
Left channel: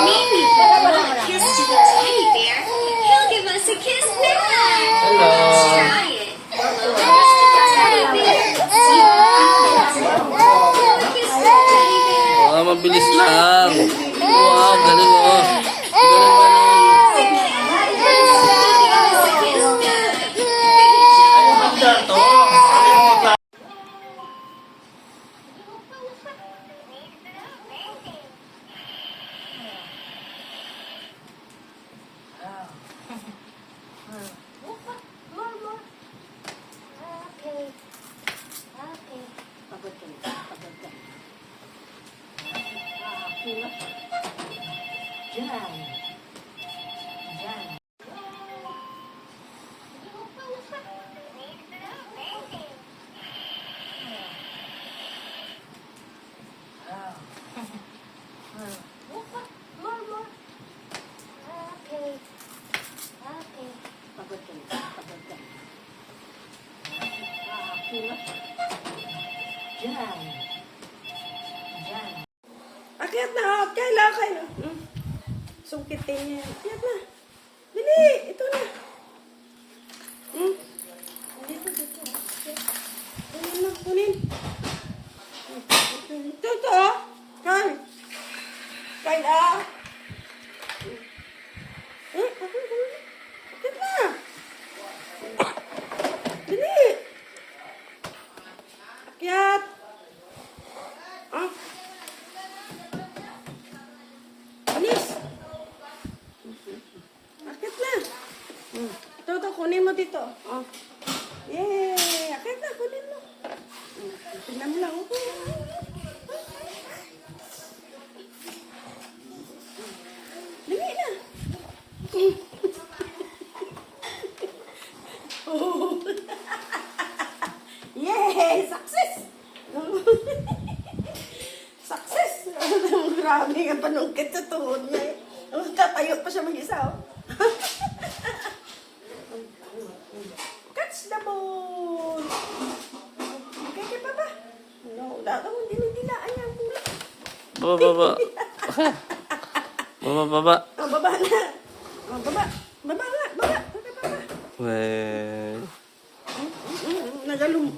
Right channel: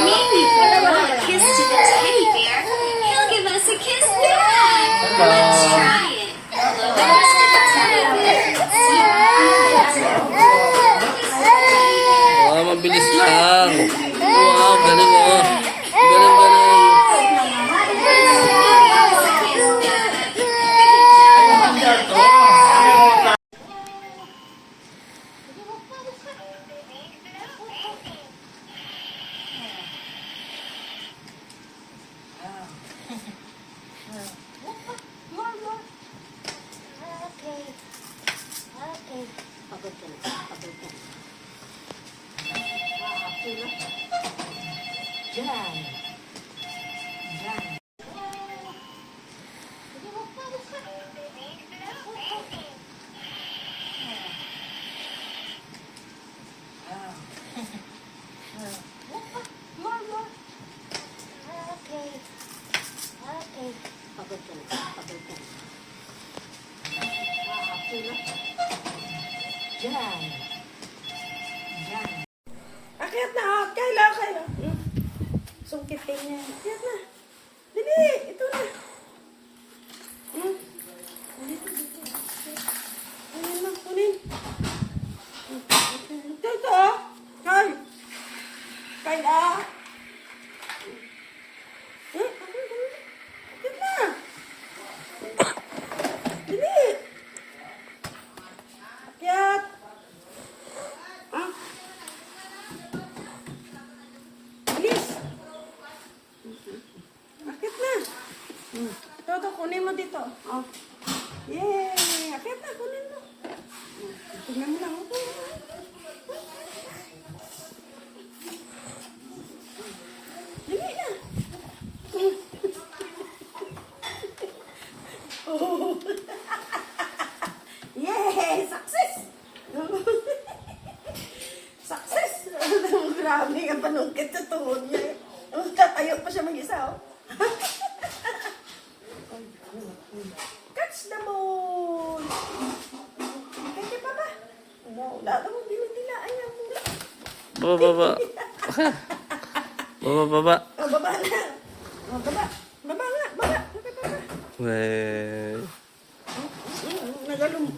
Maybe if we blow a kiss to the teddy bear, he'll give us a kiss back. Let's try it. Blow a kiss to the teddy bear. Kiss the teddy bear. Wow, mabilis lang. Wow, galing oh. Galing, galing. Akyat na, kailan. Sungkitin niya. Akyat na. Dili, ito na. Dito. Kunin. Ito. Kyle. Akyat na. Dili. Akyat. Bilis. Akit na. Ito, kunin mo dito. Oh. Yay! Akit na, kunin mo. Tingnan mo lang. Dili na. Oh. Yay! Success! Success! Grabe nga panungkit sa tuhod niya. Tatayo pa siya mag-isa. Catch the ball! Kaya pa ba? No, lahat mo dinidilaan niya. Baba. Baba. Baba na. Baba. Baba nga. Baba. Weh.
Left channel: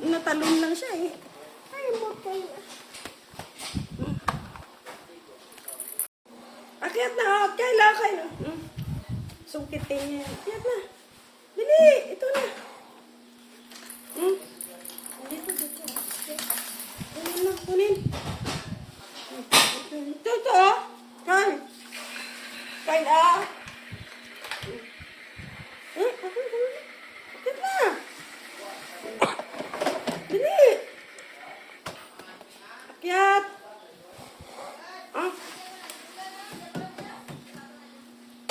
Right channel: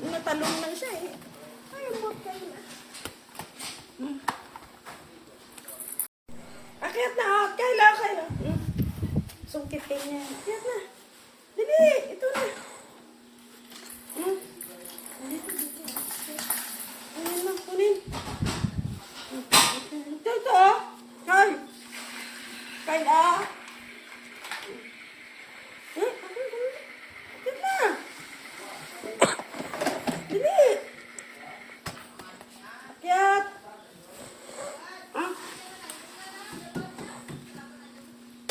Natalon lang siya eh. Ayaw mo kayo. Akyat na. Kayla. Sungkitin niya. Akyat na. Dili. Ito na. Dito. Kunin. Ito. Kayla. Akyat na. Dili. Akyat.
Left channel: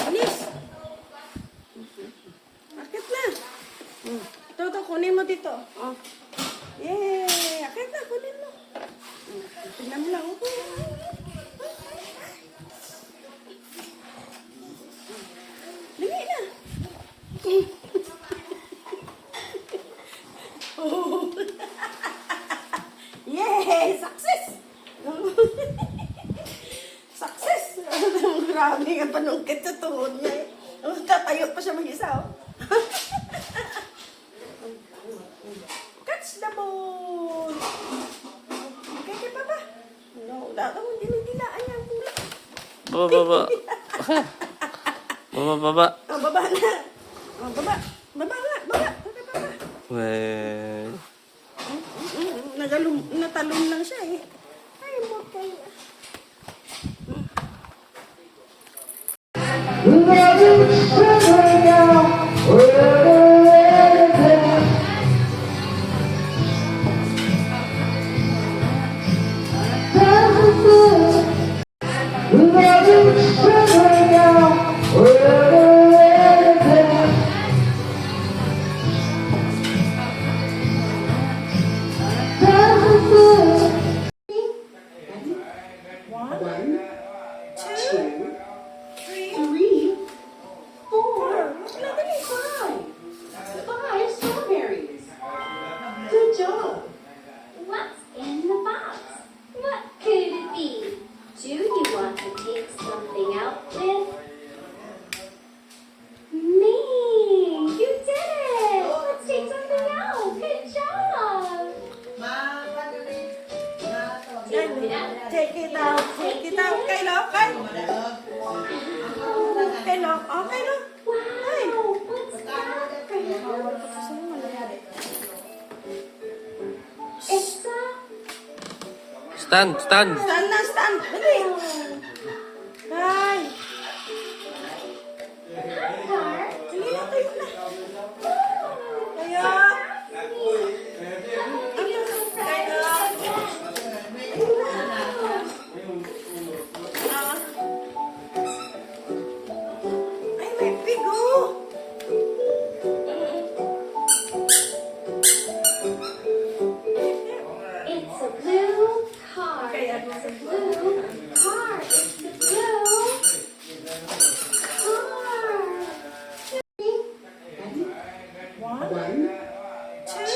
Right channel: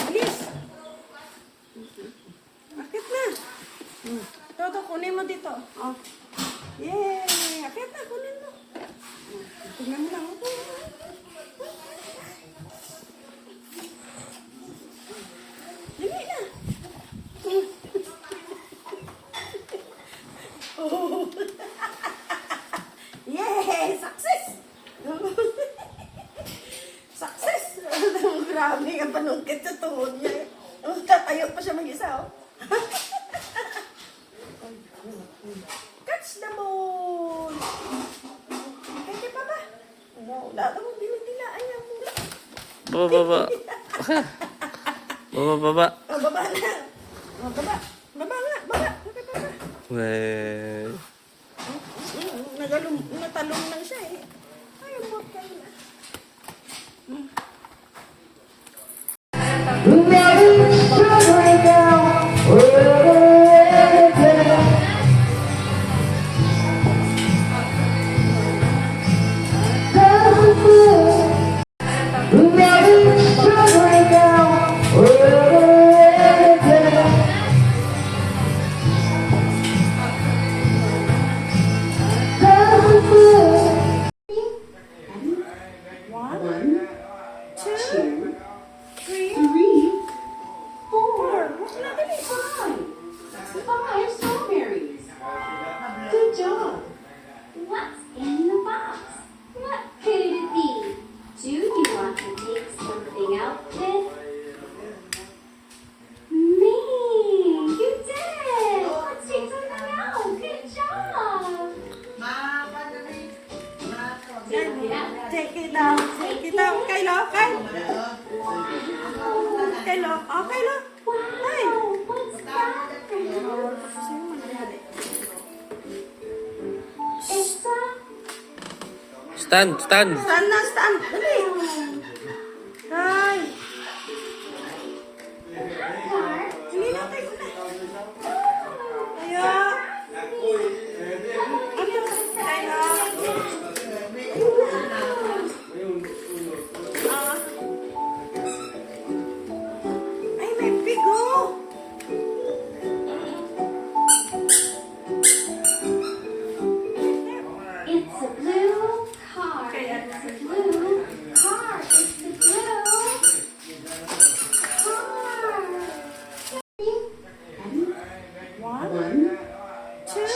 Alis. Akyat na. Ito, kunin mo dito. Oh. Yay! Akyat na, kunin mo. Tingnan mo lang. Dili na. Oh. Yay! Success! Success! Grabe nga panungkit sa tuhod niya. Tatayo pa siya mag-isa. Catch the ball! Kaya pa ba? No, lahat mo dinidilaan niya. Baba. Baba. Baba na. Baba. Baba nga. Baba. Weh. Natalon lang siya eh. Ayaw mo kayo. What's in the box? What could it be? Do you want to take something out with me? You did it! Let's take something out. Good job! Take it out. Kayla. Oh, Kayla. Wow! What's that for you? It's a Stand. Stand. Dali. Ay. car. Hindi na tayo na. Kaya. Ay, may bigo. It's a blue car. It's a blue car. It's a blue car. One, two,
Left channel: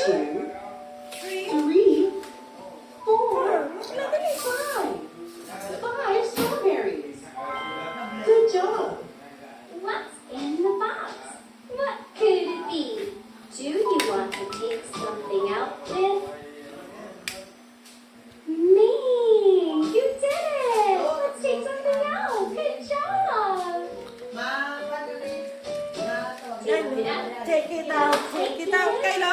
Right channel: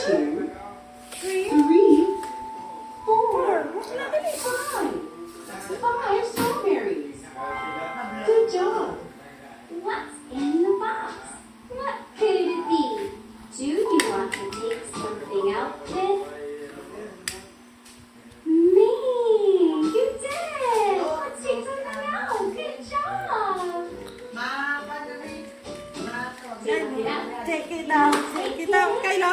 three, four. Five strawberries. Good job. What's in the box? What could it be? Do you want to take something out with me? You did it! Let's take something out. Good job. Take it out. Kayla.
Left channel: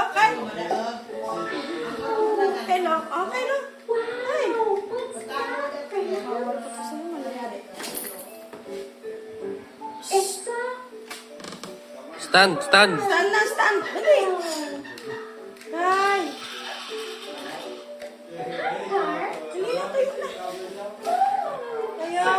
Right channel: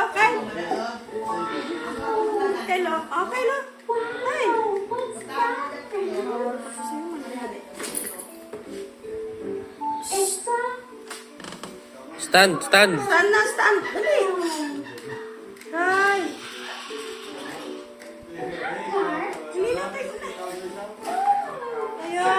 Oh, Kayla. Wow! What's that for you? It's a Stand. Stand. Dali. Ay. car. Hindi na tayo na. Kaya.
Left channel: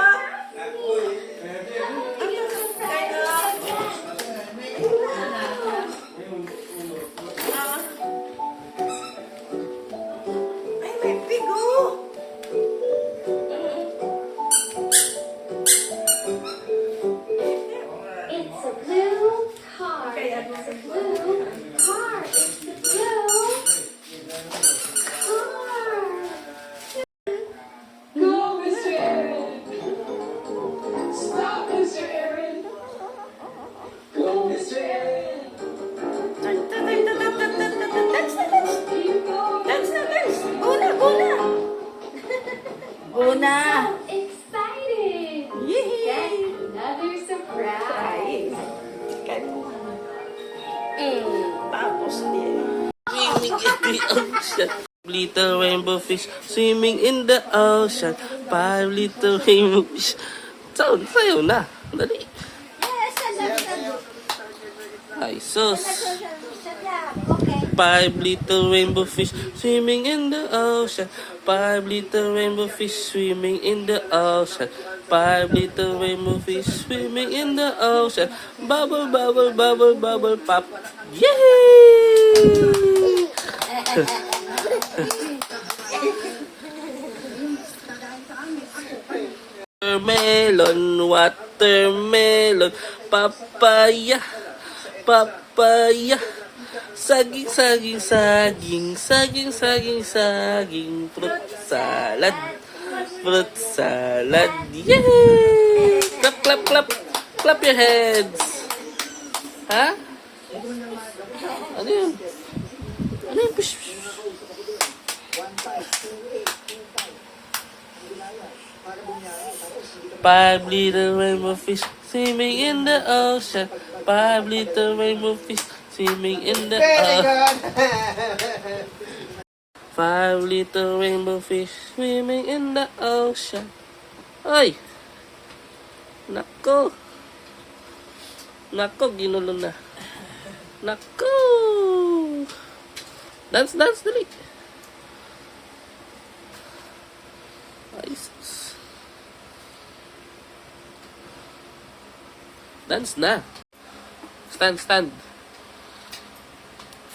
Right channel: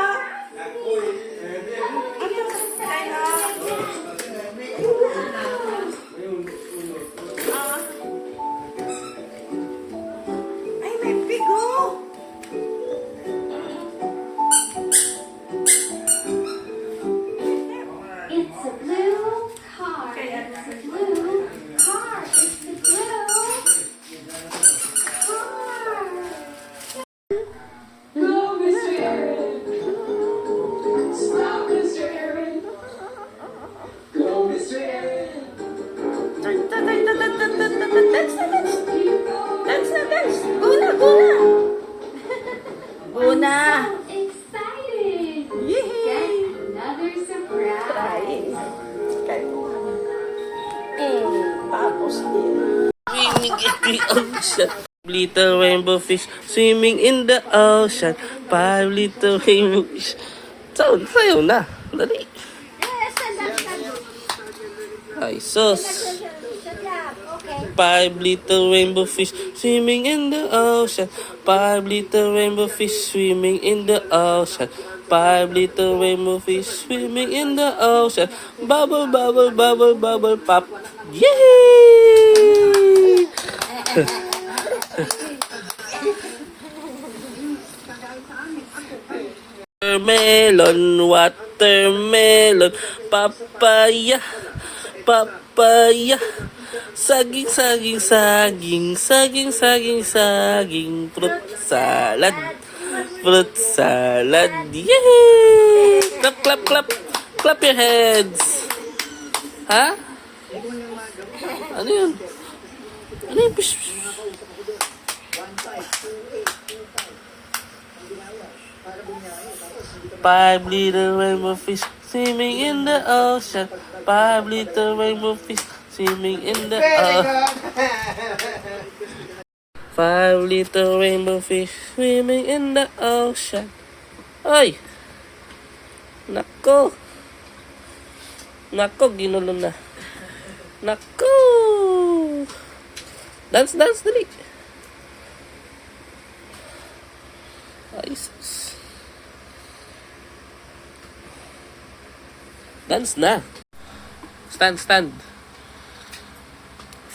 Ay, may Little rainbow fish swimming in the ocean. 5 little rainbow fish. Sound, sayo na. Dali. Yes, stand. Ay, sus. Sit down. Okay. 5 little rainbow fish swimming in the ocean. 5 little rainbow fish swimming in the ocean. 5 little rainbow fish swimming in the ocean. Bubble, bubble, bubble, bubble, pop. Yay! Watermelon, papaya, papaya, saging, saging, saging, saging, saging, saging, fruit salad, yay! Clap, clap, clap, clap your heads. Ha? Ano yun? Ano yun? Pish, pish. Five little rainbow fish swimming in the ocean. 5 little rainbow fish swimming in the ocean. 5 little rainbow fish swimming in the ocean. Ay! Nako! Nako, ginulo na. Nako! Dance, dance, dali! Ay, sus. Dance na. Stand, stand.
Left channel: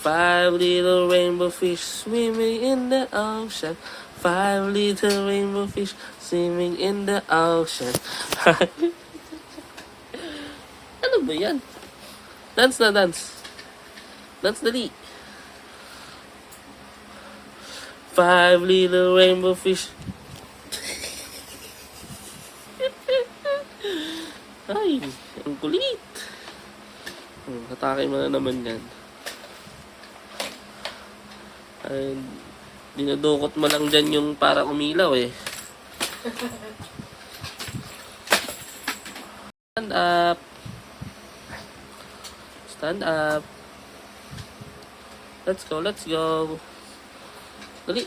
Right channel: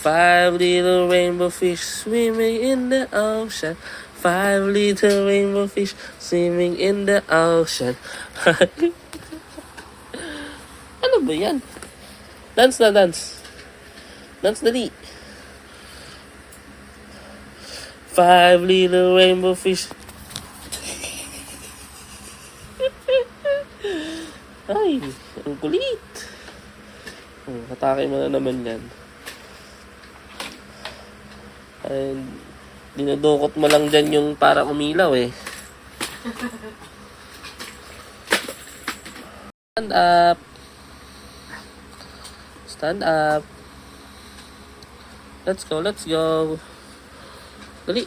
5 little rainbow fish swimming in the ocean. 5 little rainbow fish swimming in the ocean. Ano ba yan? Dance na, dance. Dance dali. 5 little rainbow fish. Ay, ang kulit. Hatake mo na naman yan. Ay, dinudukot mo lang dyan yung para umilaw eh. Stand up. Stand up. Let's go, let's go. Dali.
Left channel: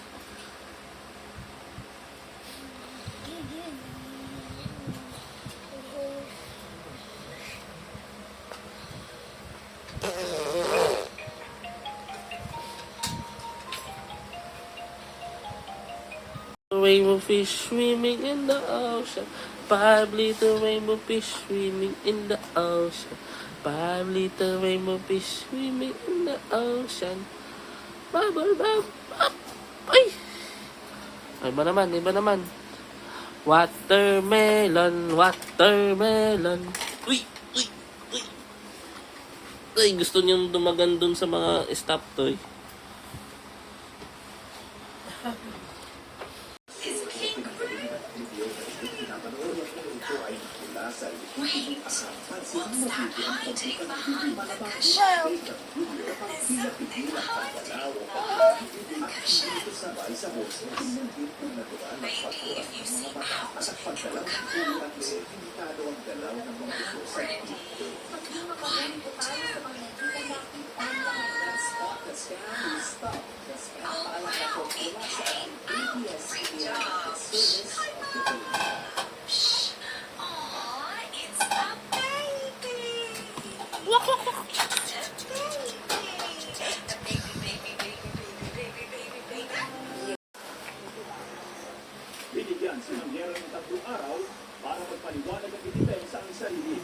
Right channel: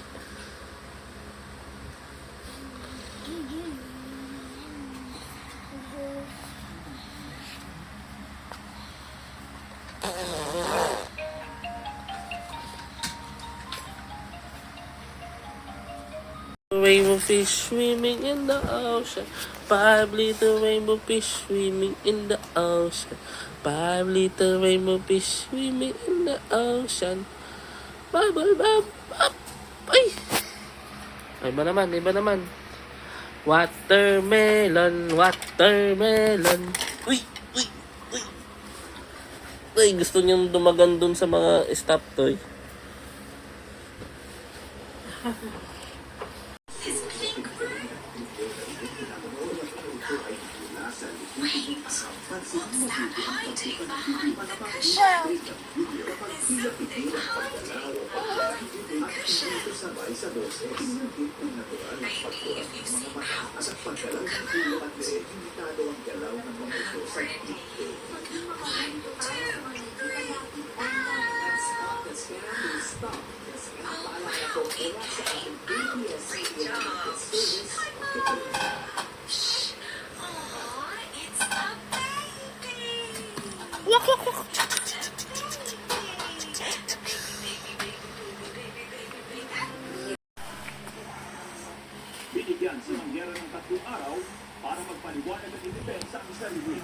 Rainbow fish swimming in the ocean. 5 little rainbow fish swimming in the ocean. 5 little rainbow fish swimming in the ocean. Bubble, bubble, up. Ay! Iba naman, iba naman. Watermelon, watermelon. Uy, uy, uy. Ay, gusto niyang dumagan dun sa mga stop toy. Wait, what's that hiding behind the cushion? There's something hiding behind the cushion. Maybe if you see out, it'll come out. Ready? 1, 2, oh wow, it came out. Great job. Binigyan si Mangyera ng 3 araw para magpaliwanag at i-defense ang sarili.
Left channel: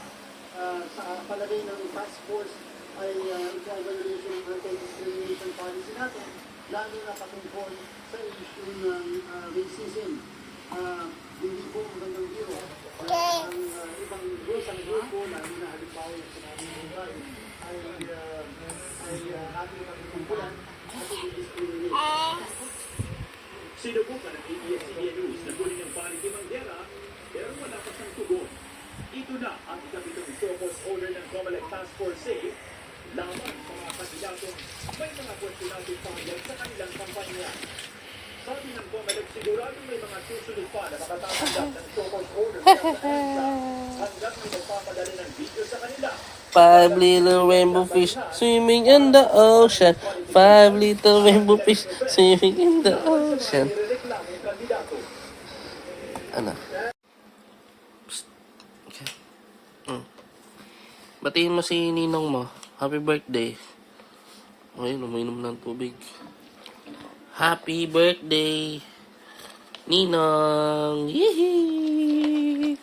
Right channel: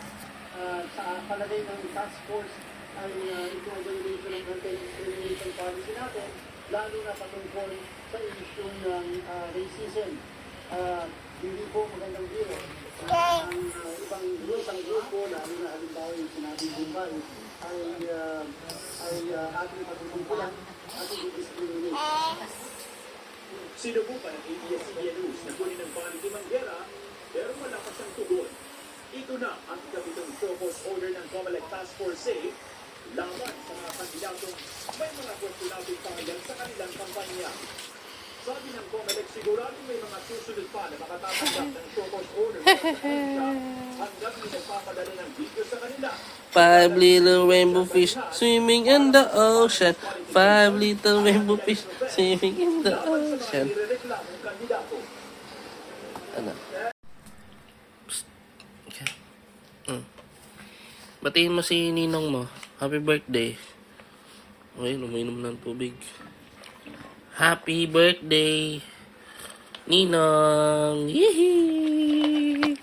Sa palagay ng task force ay itong violation ng anti-discrimination policy natin, lalo na patungkol sa issue ng racism. Hindi po magandang view. Ang ibang grupo na halimbawa yung sinabing buhay ay ating pagkukumpulan at i-discriminate. Sinubukan ng ABS-CBN News na kunin ng panig ni Mangyera, pero wala pa siyang tugon. Ito na ang kapitong focus order ng COMELEC Task Force Safe laban sa mga kandidatong may mga questionable pangalan sa kanilang kampanya. Sabi ng COMELEC, sigurado may mga susunod pa na makatatanggap ng focus order hanggang may magpapadala ng video sa kanila. 5 little rainbow fish swimming in the ocean. 5 little rainbow fish swimming in the ocean. Ano? Psst. Okay. Batiin mo si ninong mo. Happy birthday. Okay, uminom ng tubig. Happy birthday, Ninong! Yay!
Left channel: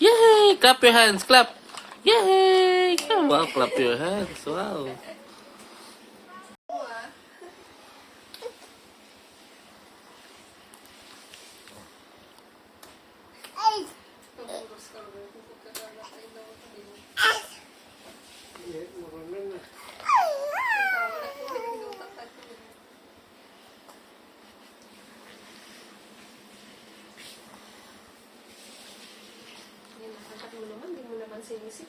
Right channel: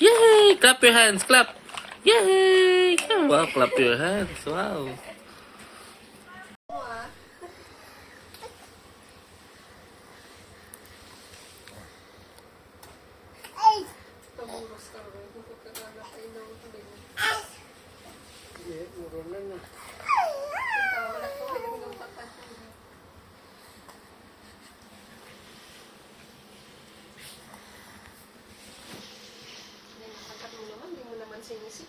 Yay! Clap your hands! Clap! Yay! Wow, clap your hands! Wow! Sinisip.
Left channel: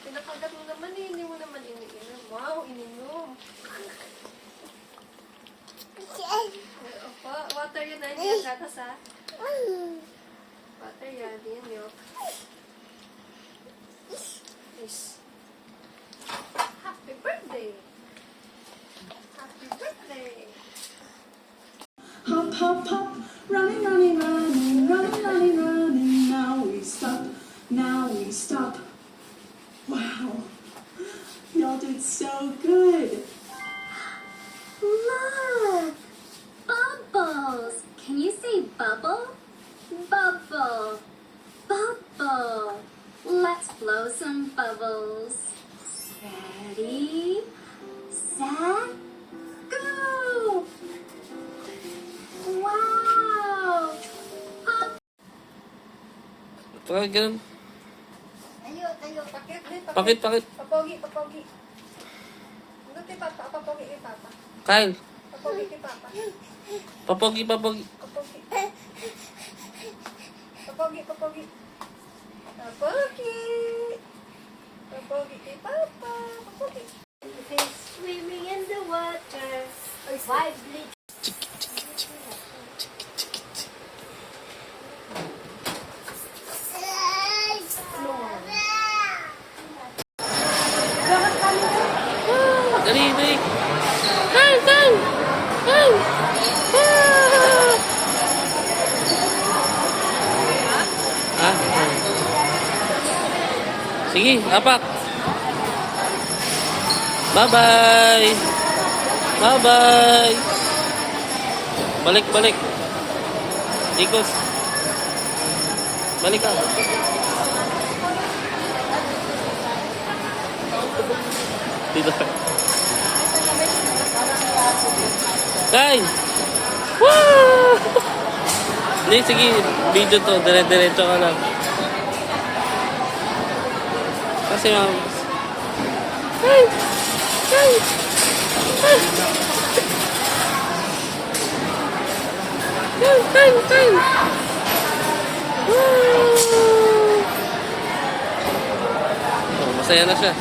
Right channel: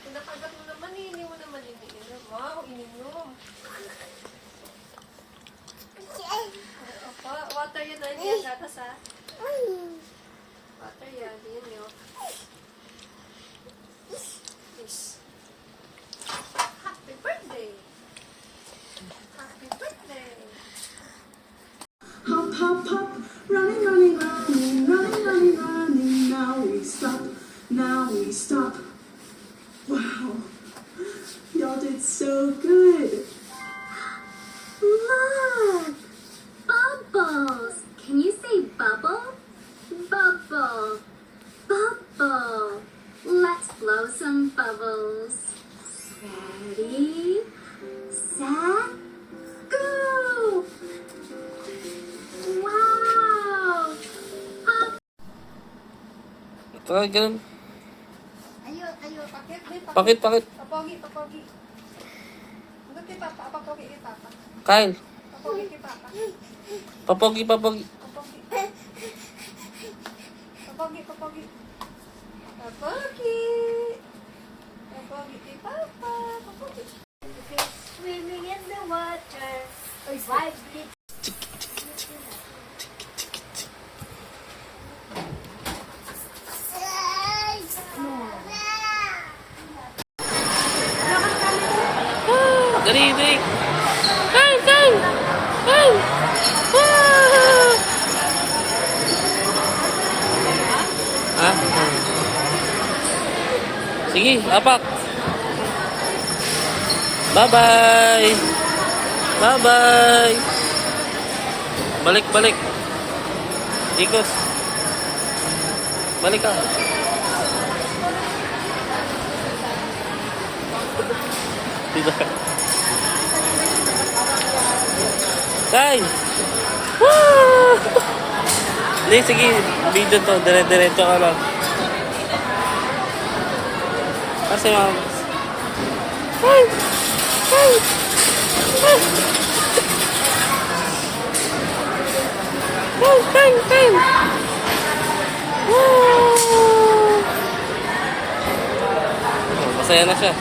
Pinakagat mo naman eh, hindi mo naman iniinom. Wow, ininom. Opa, water yun na, hindi yan gatas ha. Water yan, hindi yan milk. Yes. Happy birthday! Happy birthday! Hop, hop, hop, running, running, running, running, running, running. Now we stop, now we stop. Wow, y'all did so good. Look! Bubbles! Can you say bubble? Bubble. Bubble. Let's blow some bubbles. Ready? Set? Go! Wow! Try ganun. Tayo, tayo, pakit, Pakit, pakit. Papogi, papogi. Ano kay Papa? Papogi kay Papa. Kyle. Papogi kay Papa. Papogi, papogi. Papogi. Papogi, papogi. Papogi. Papogi kay Papa. Papogi. Fish swimming in the water. Five little Dali, dali. Kyle, Kyle. Kyle. Ah! Ah? Sige, apak. Bye-bye. Bye-bye. Balik, balik. Ikos. Balik ka. Tidak. Kyle! Woo! Hindi, sige. Video to. Dire-diretso ka lang. Kasi mga... Kyle! Kyle! Kyle! Kyle! Kyle! Kyle! Woo! Oh, masaya na siya.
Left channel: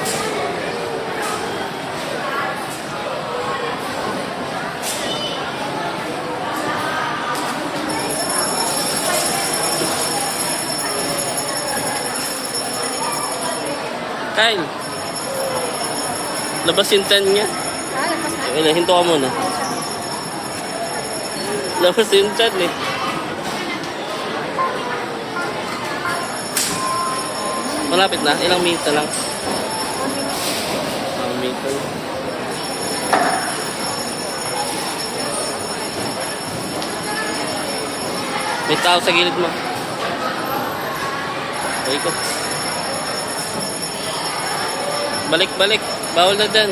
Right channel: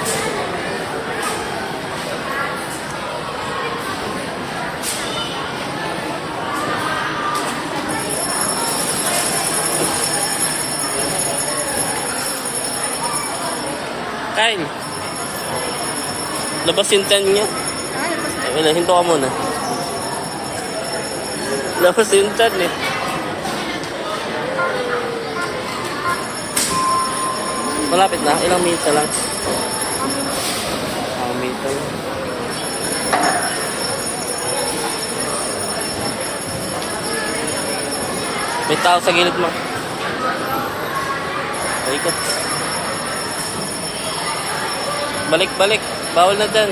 Kyle, labas yung tan niya. Ano, hinto ka muna. Labas yung tan niya. Malapit na, ilang minute lang. Minute lang. May tao sa gilid mo. Okay ka. Balik, balik. Bawal na dyan.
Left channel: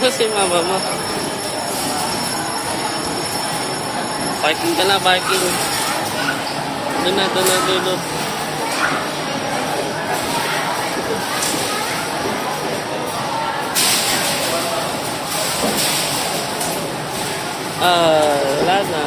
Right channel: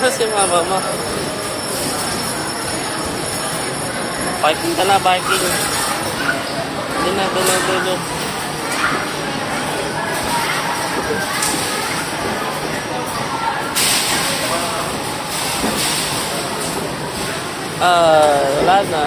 Ano si mama mo? Parking ka na, parking. Doon na, doon na, doon na. Wala na.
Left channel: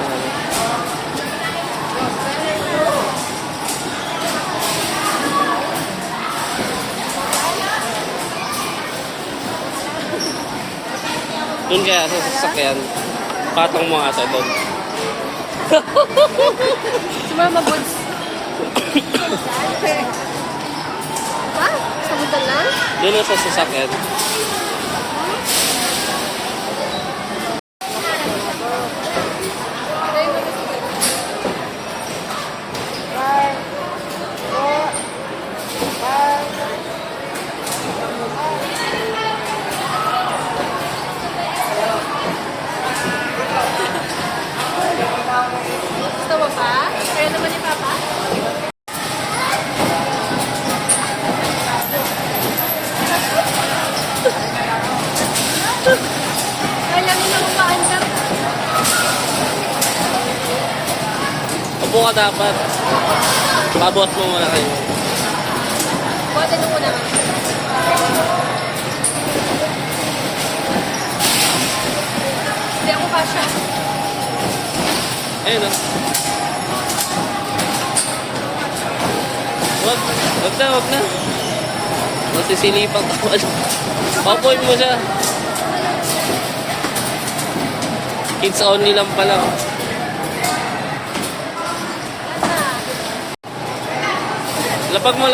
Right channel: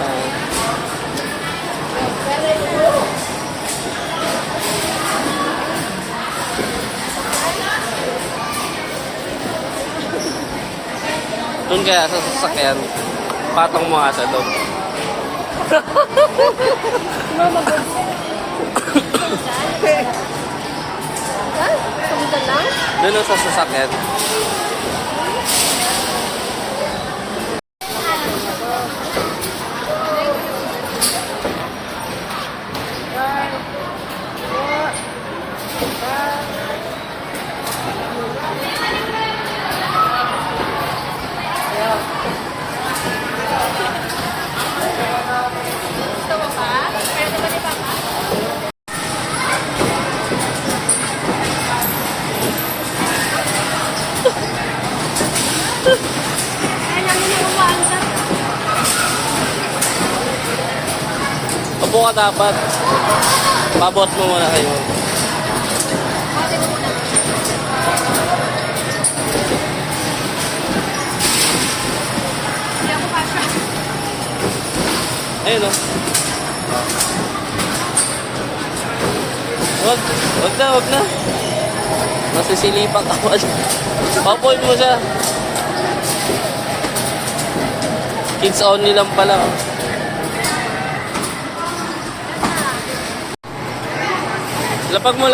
Doon kaya sa sasakyan. Patong mo ata doon. Sumama boss. Ha? Sabutan lang? Doon sa sasakyan. Alam mo na umaandar. Upo ka dapat. Pabot mo muna kayo. Pwede mo muna. Hindi ako pa siya. Ayun o. Wag na. Nasisilipan ka pa. Papuin mo siya. Kids only lang pala. Oh. Lapag mo.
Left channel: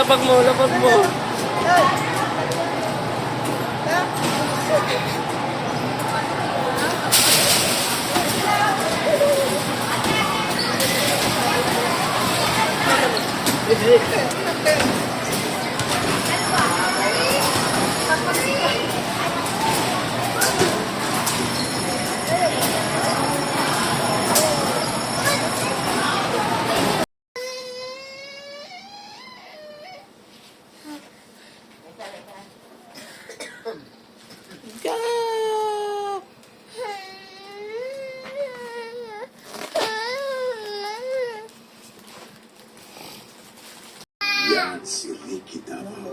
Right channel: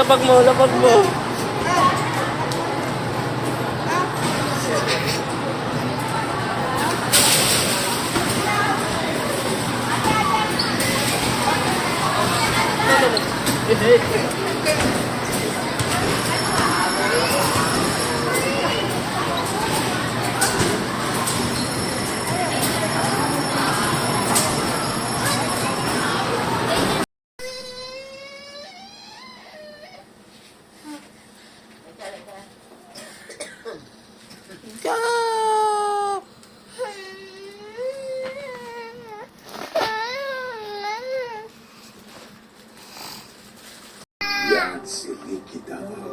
Yan si Ricky Davao.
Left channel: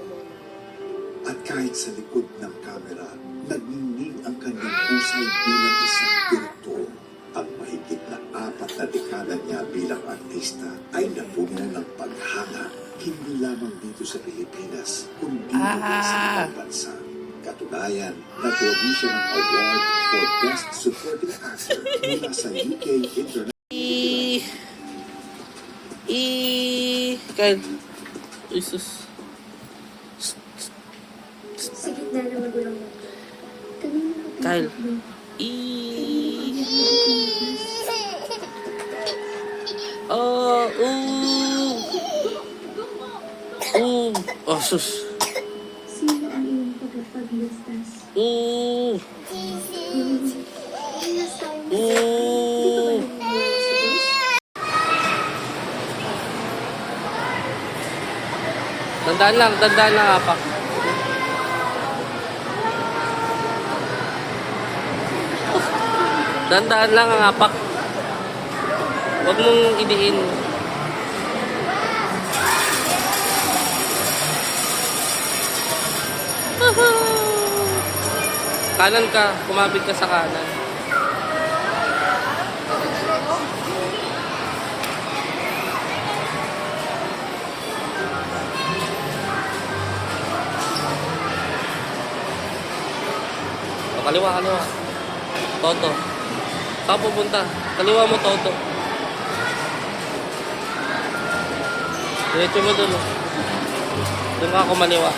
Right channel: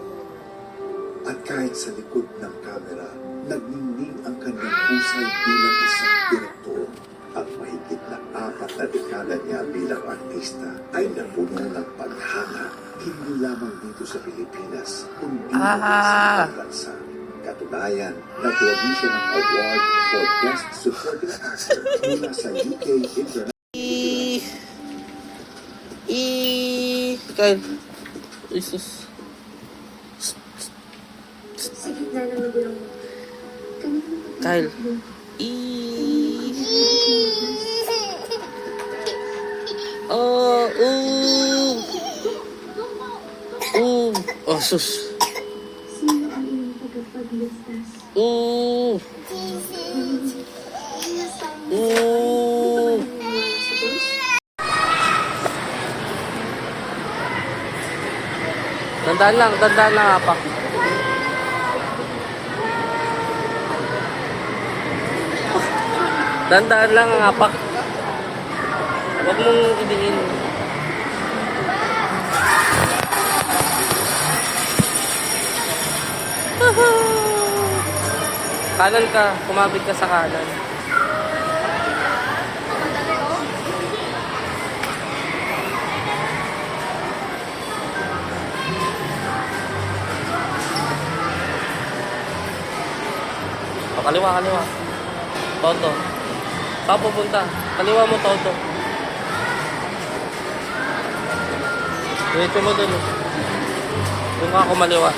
At kahit sa likod ng kamera, nagniningning ang kanyang husay bilang isang direktor. Ang mahigit na 4 na dekada niya bilang artista ay napuno ng paghanga hindi lamang dito sa Pilipinas, kundi sa ibang bansa. Katunayan, nagwagi siya ng award for Best Supporting Actor mula sa UK International. Kyle. Jesus. Sa gitna ng magulang mo. Kyle. Oh, sus. Sino ang iyong tagapagligtas? Dandaan lang, apak. Dandaan lang ang apak. Huwag mong idiin. Kanan ka, kumabig ka sa kanan. O, kaliwa. Toto. Saan pupunta? Kaliwa mo, Toto. Diretso mo dun. Doon ka kumaliwa.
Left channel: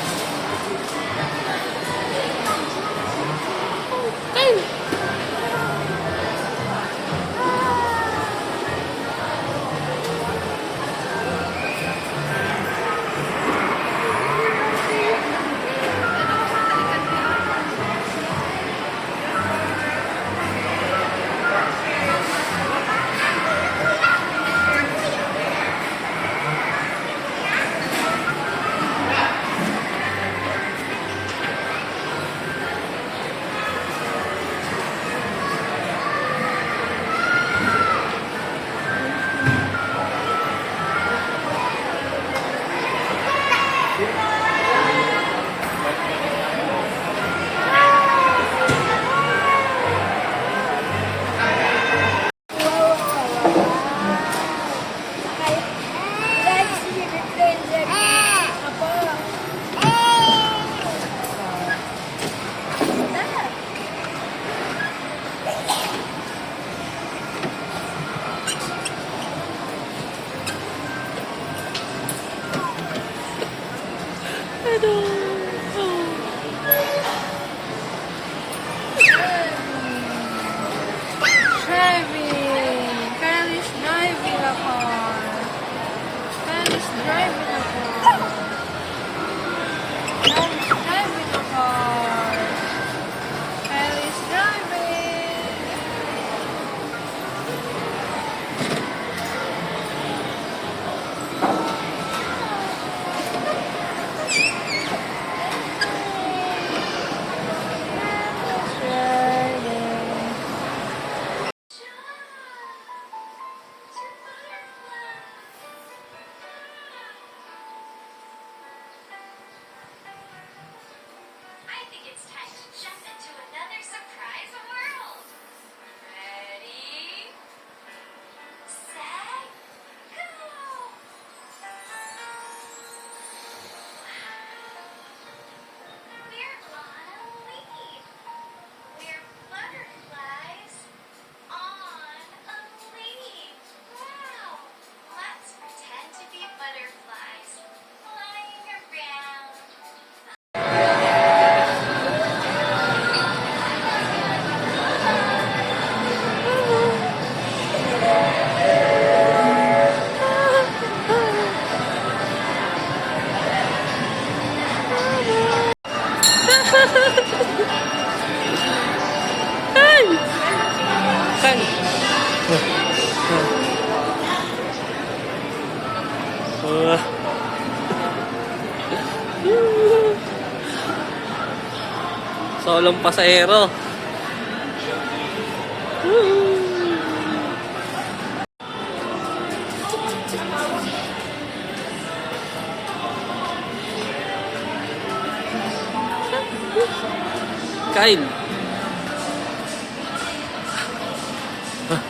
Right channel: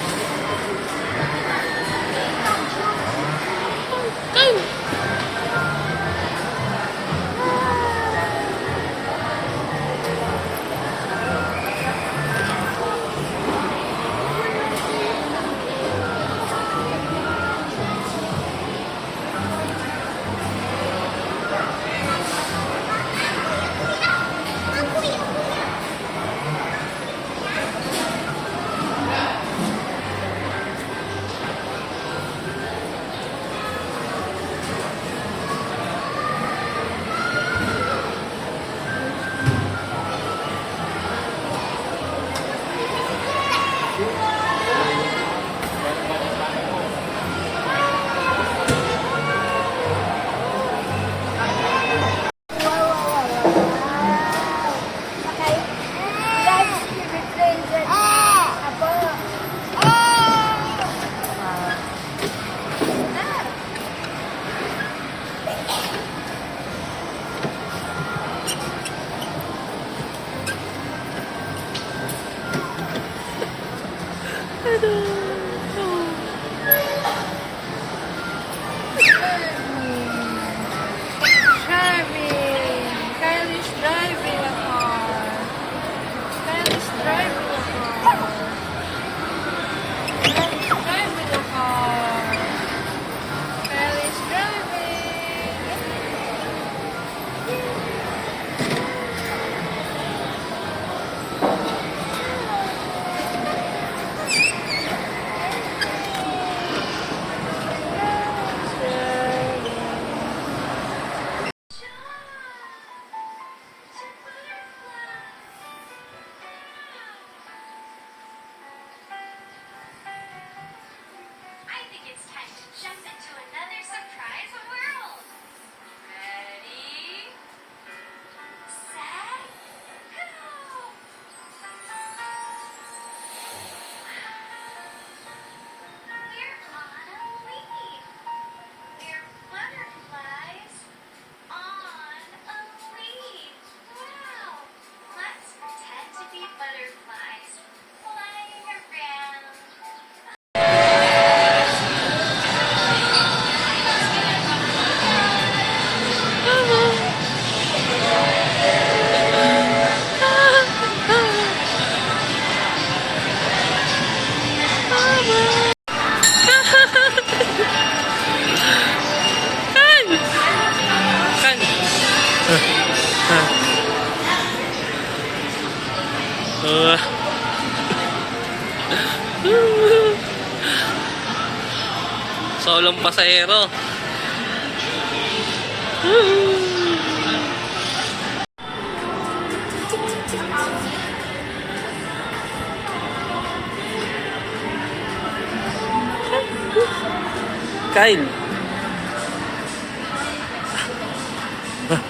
I think it's time to jump into another surprise world. Ready, set, go! We're on a leaf. We're butterflies on a leaf. Wow! Let's pretend to be butterflies flying around. Kan. Solong pasahero. Kyle. Ah.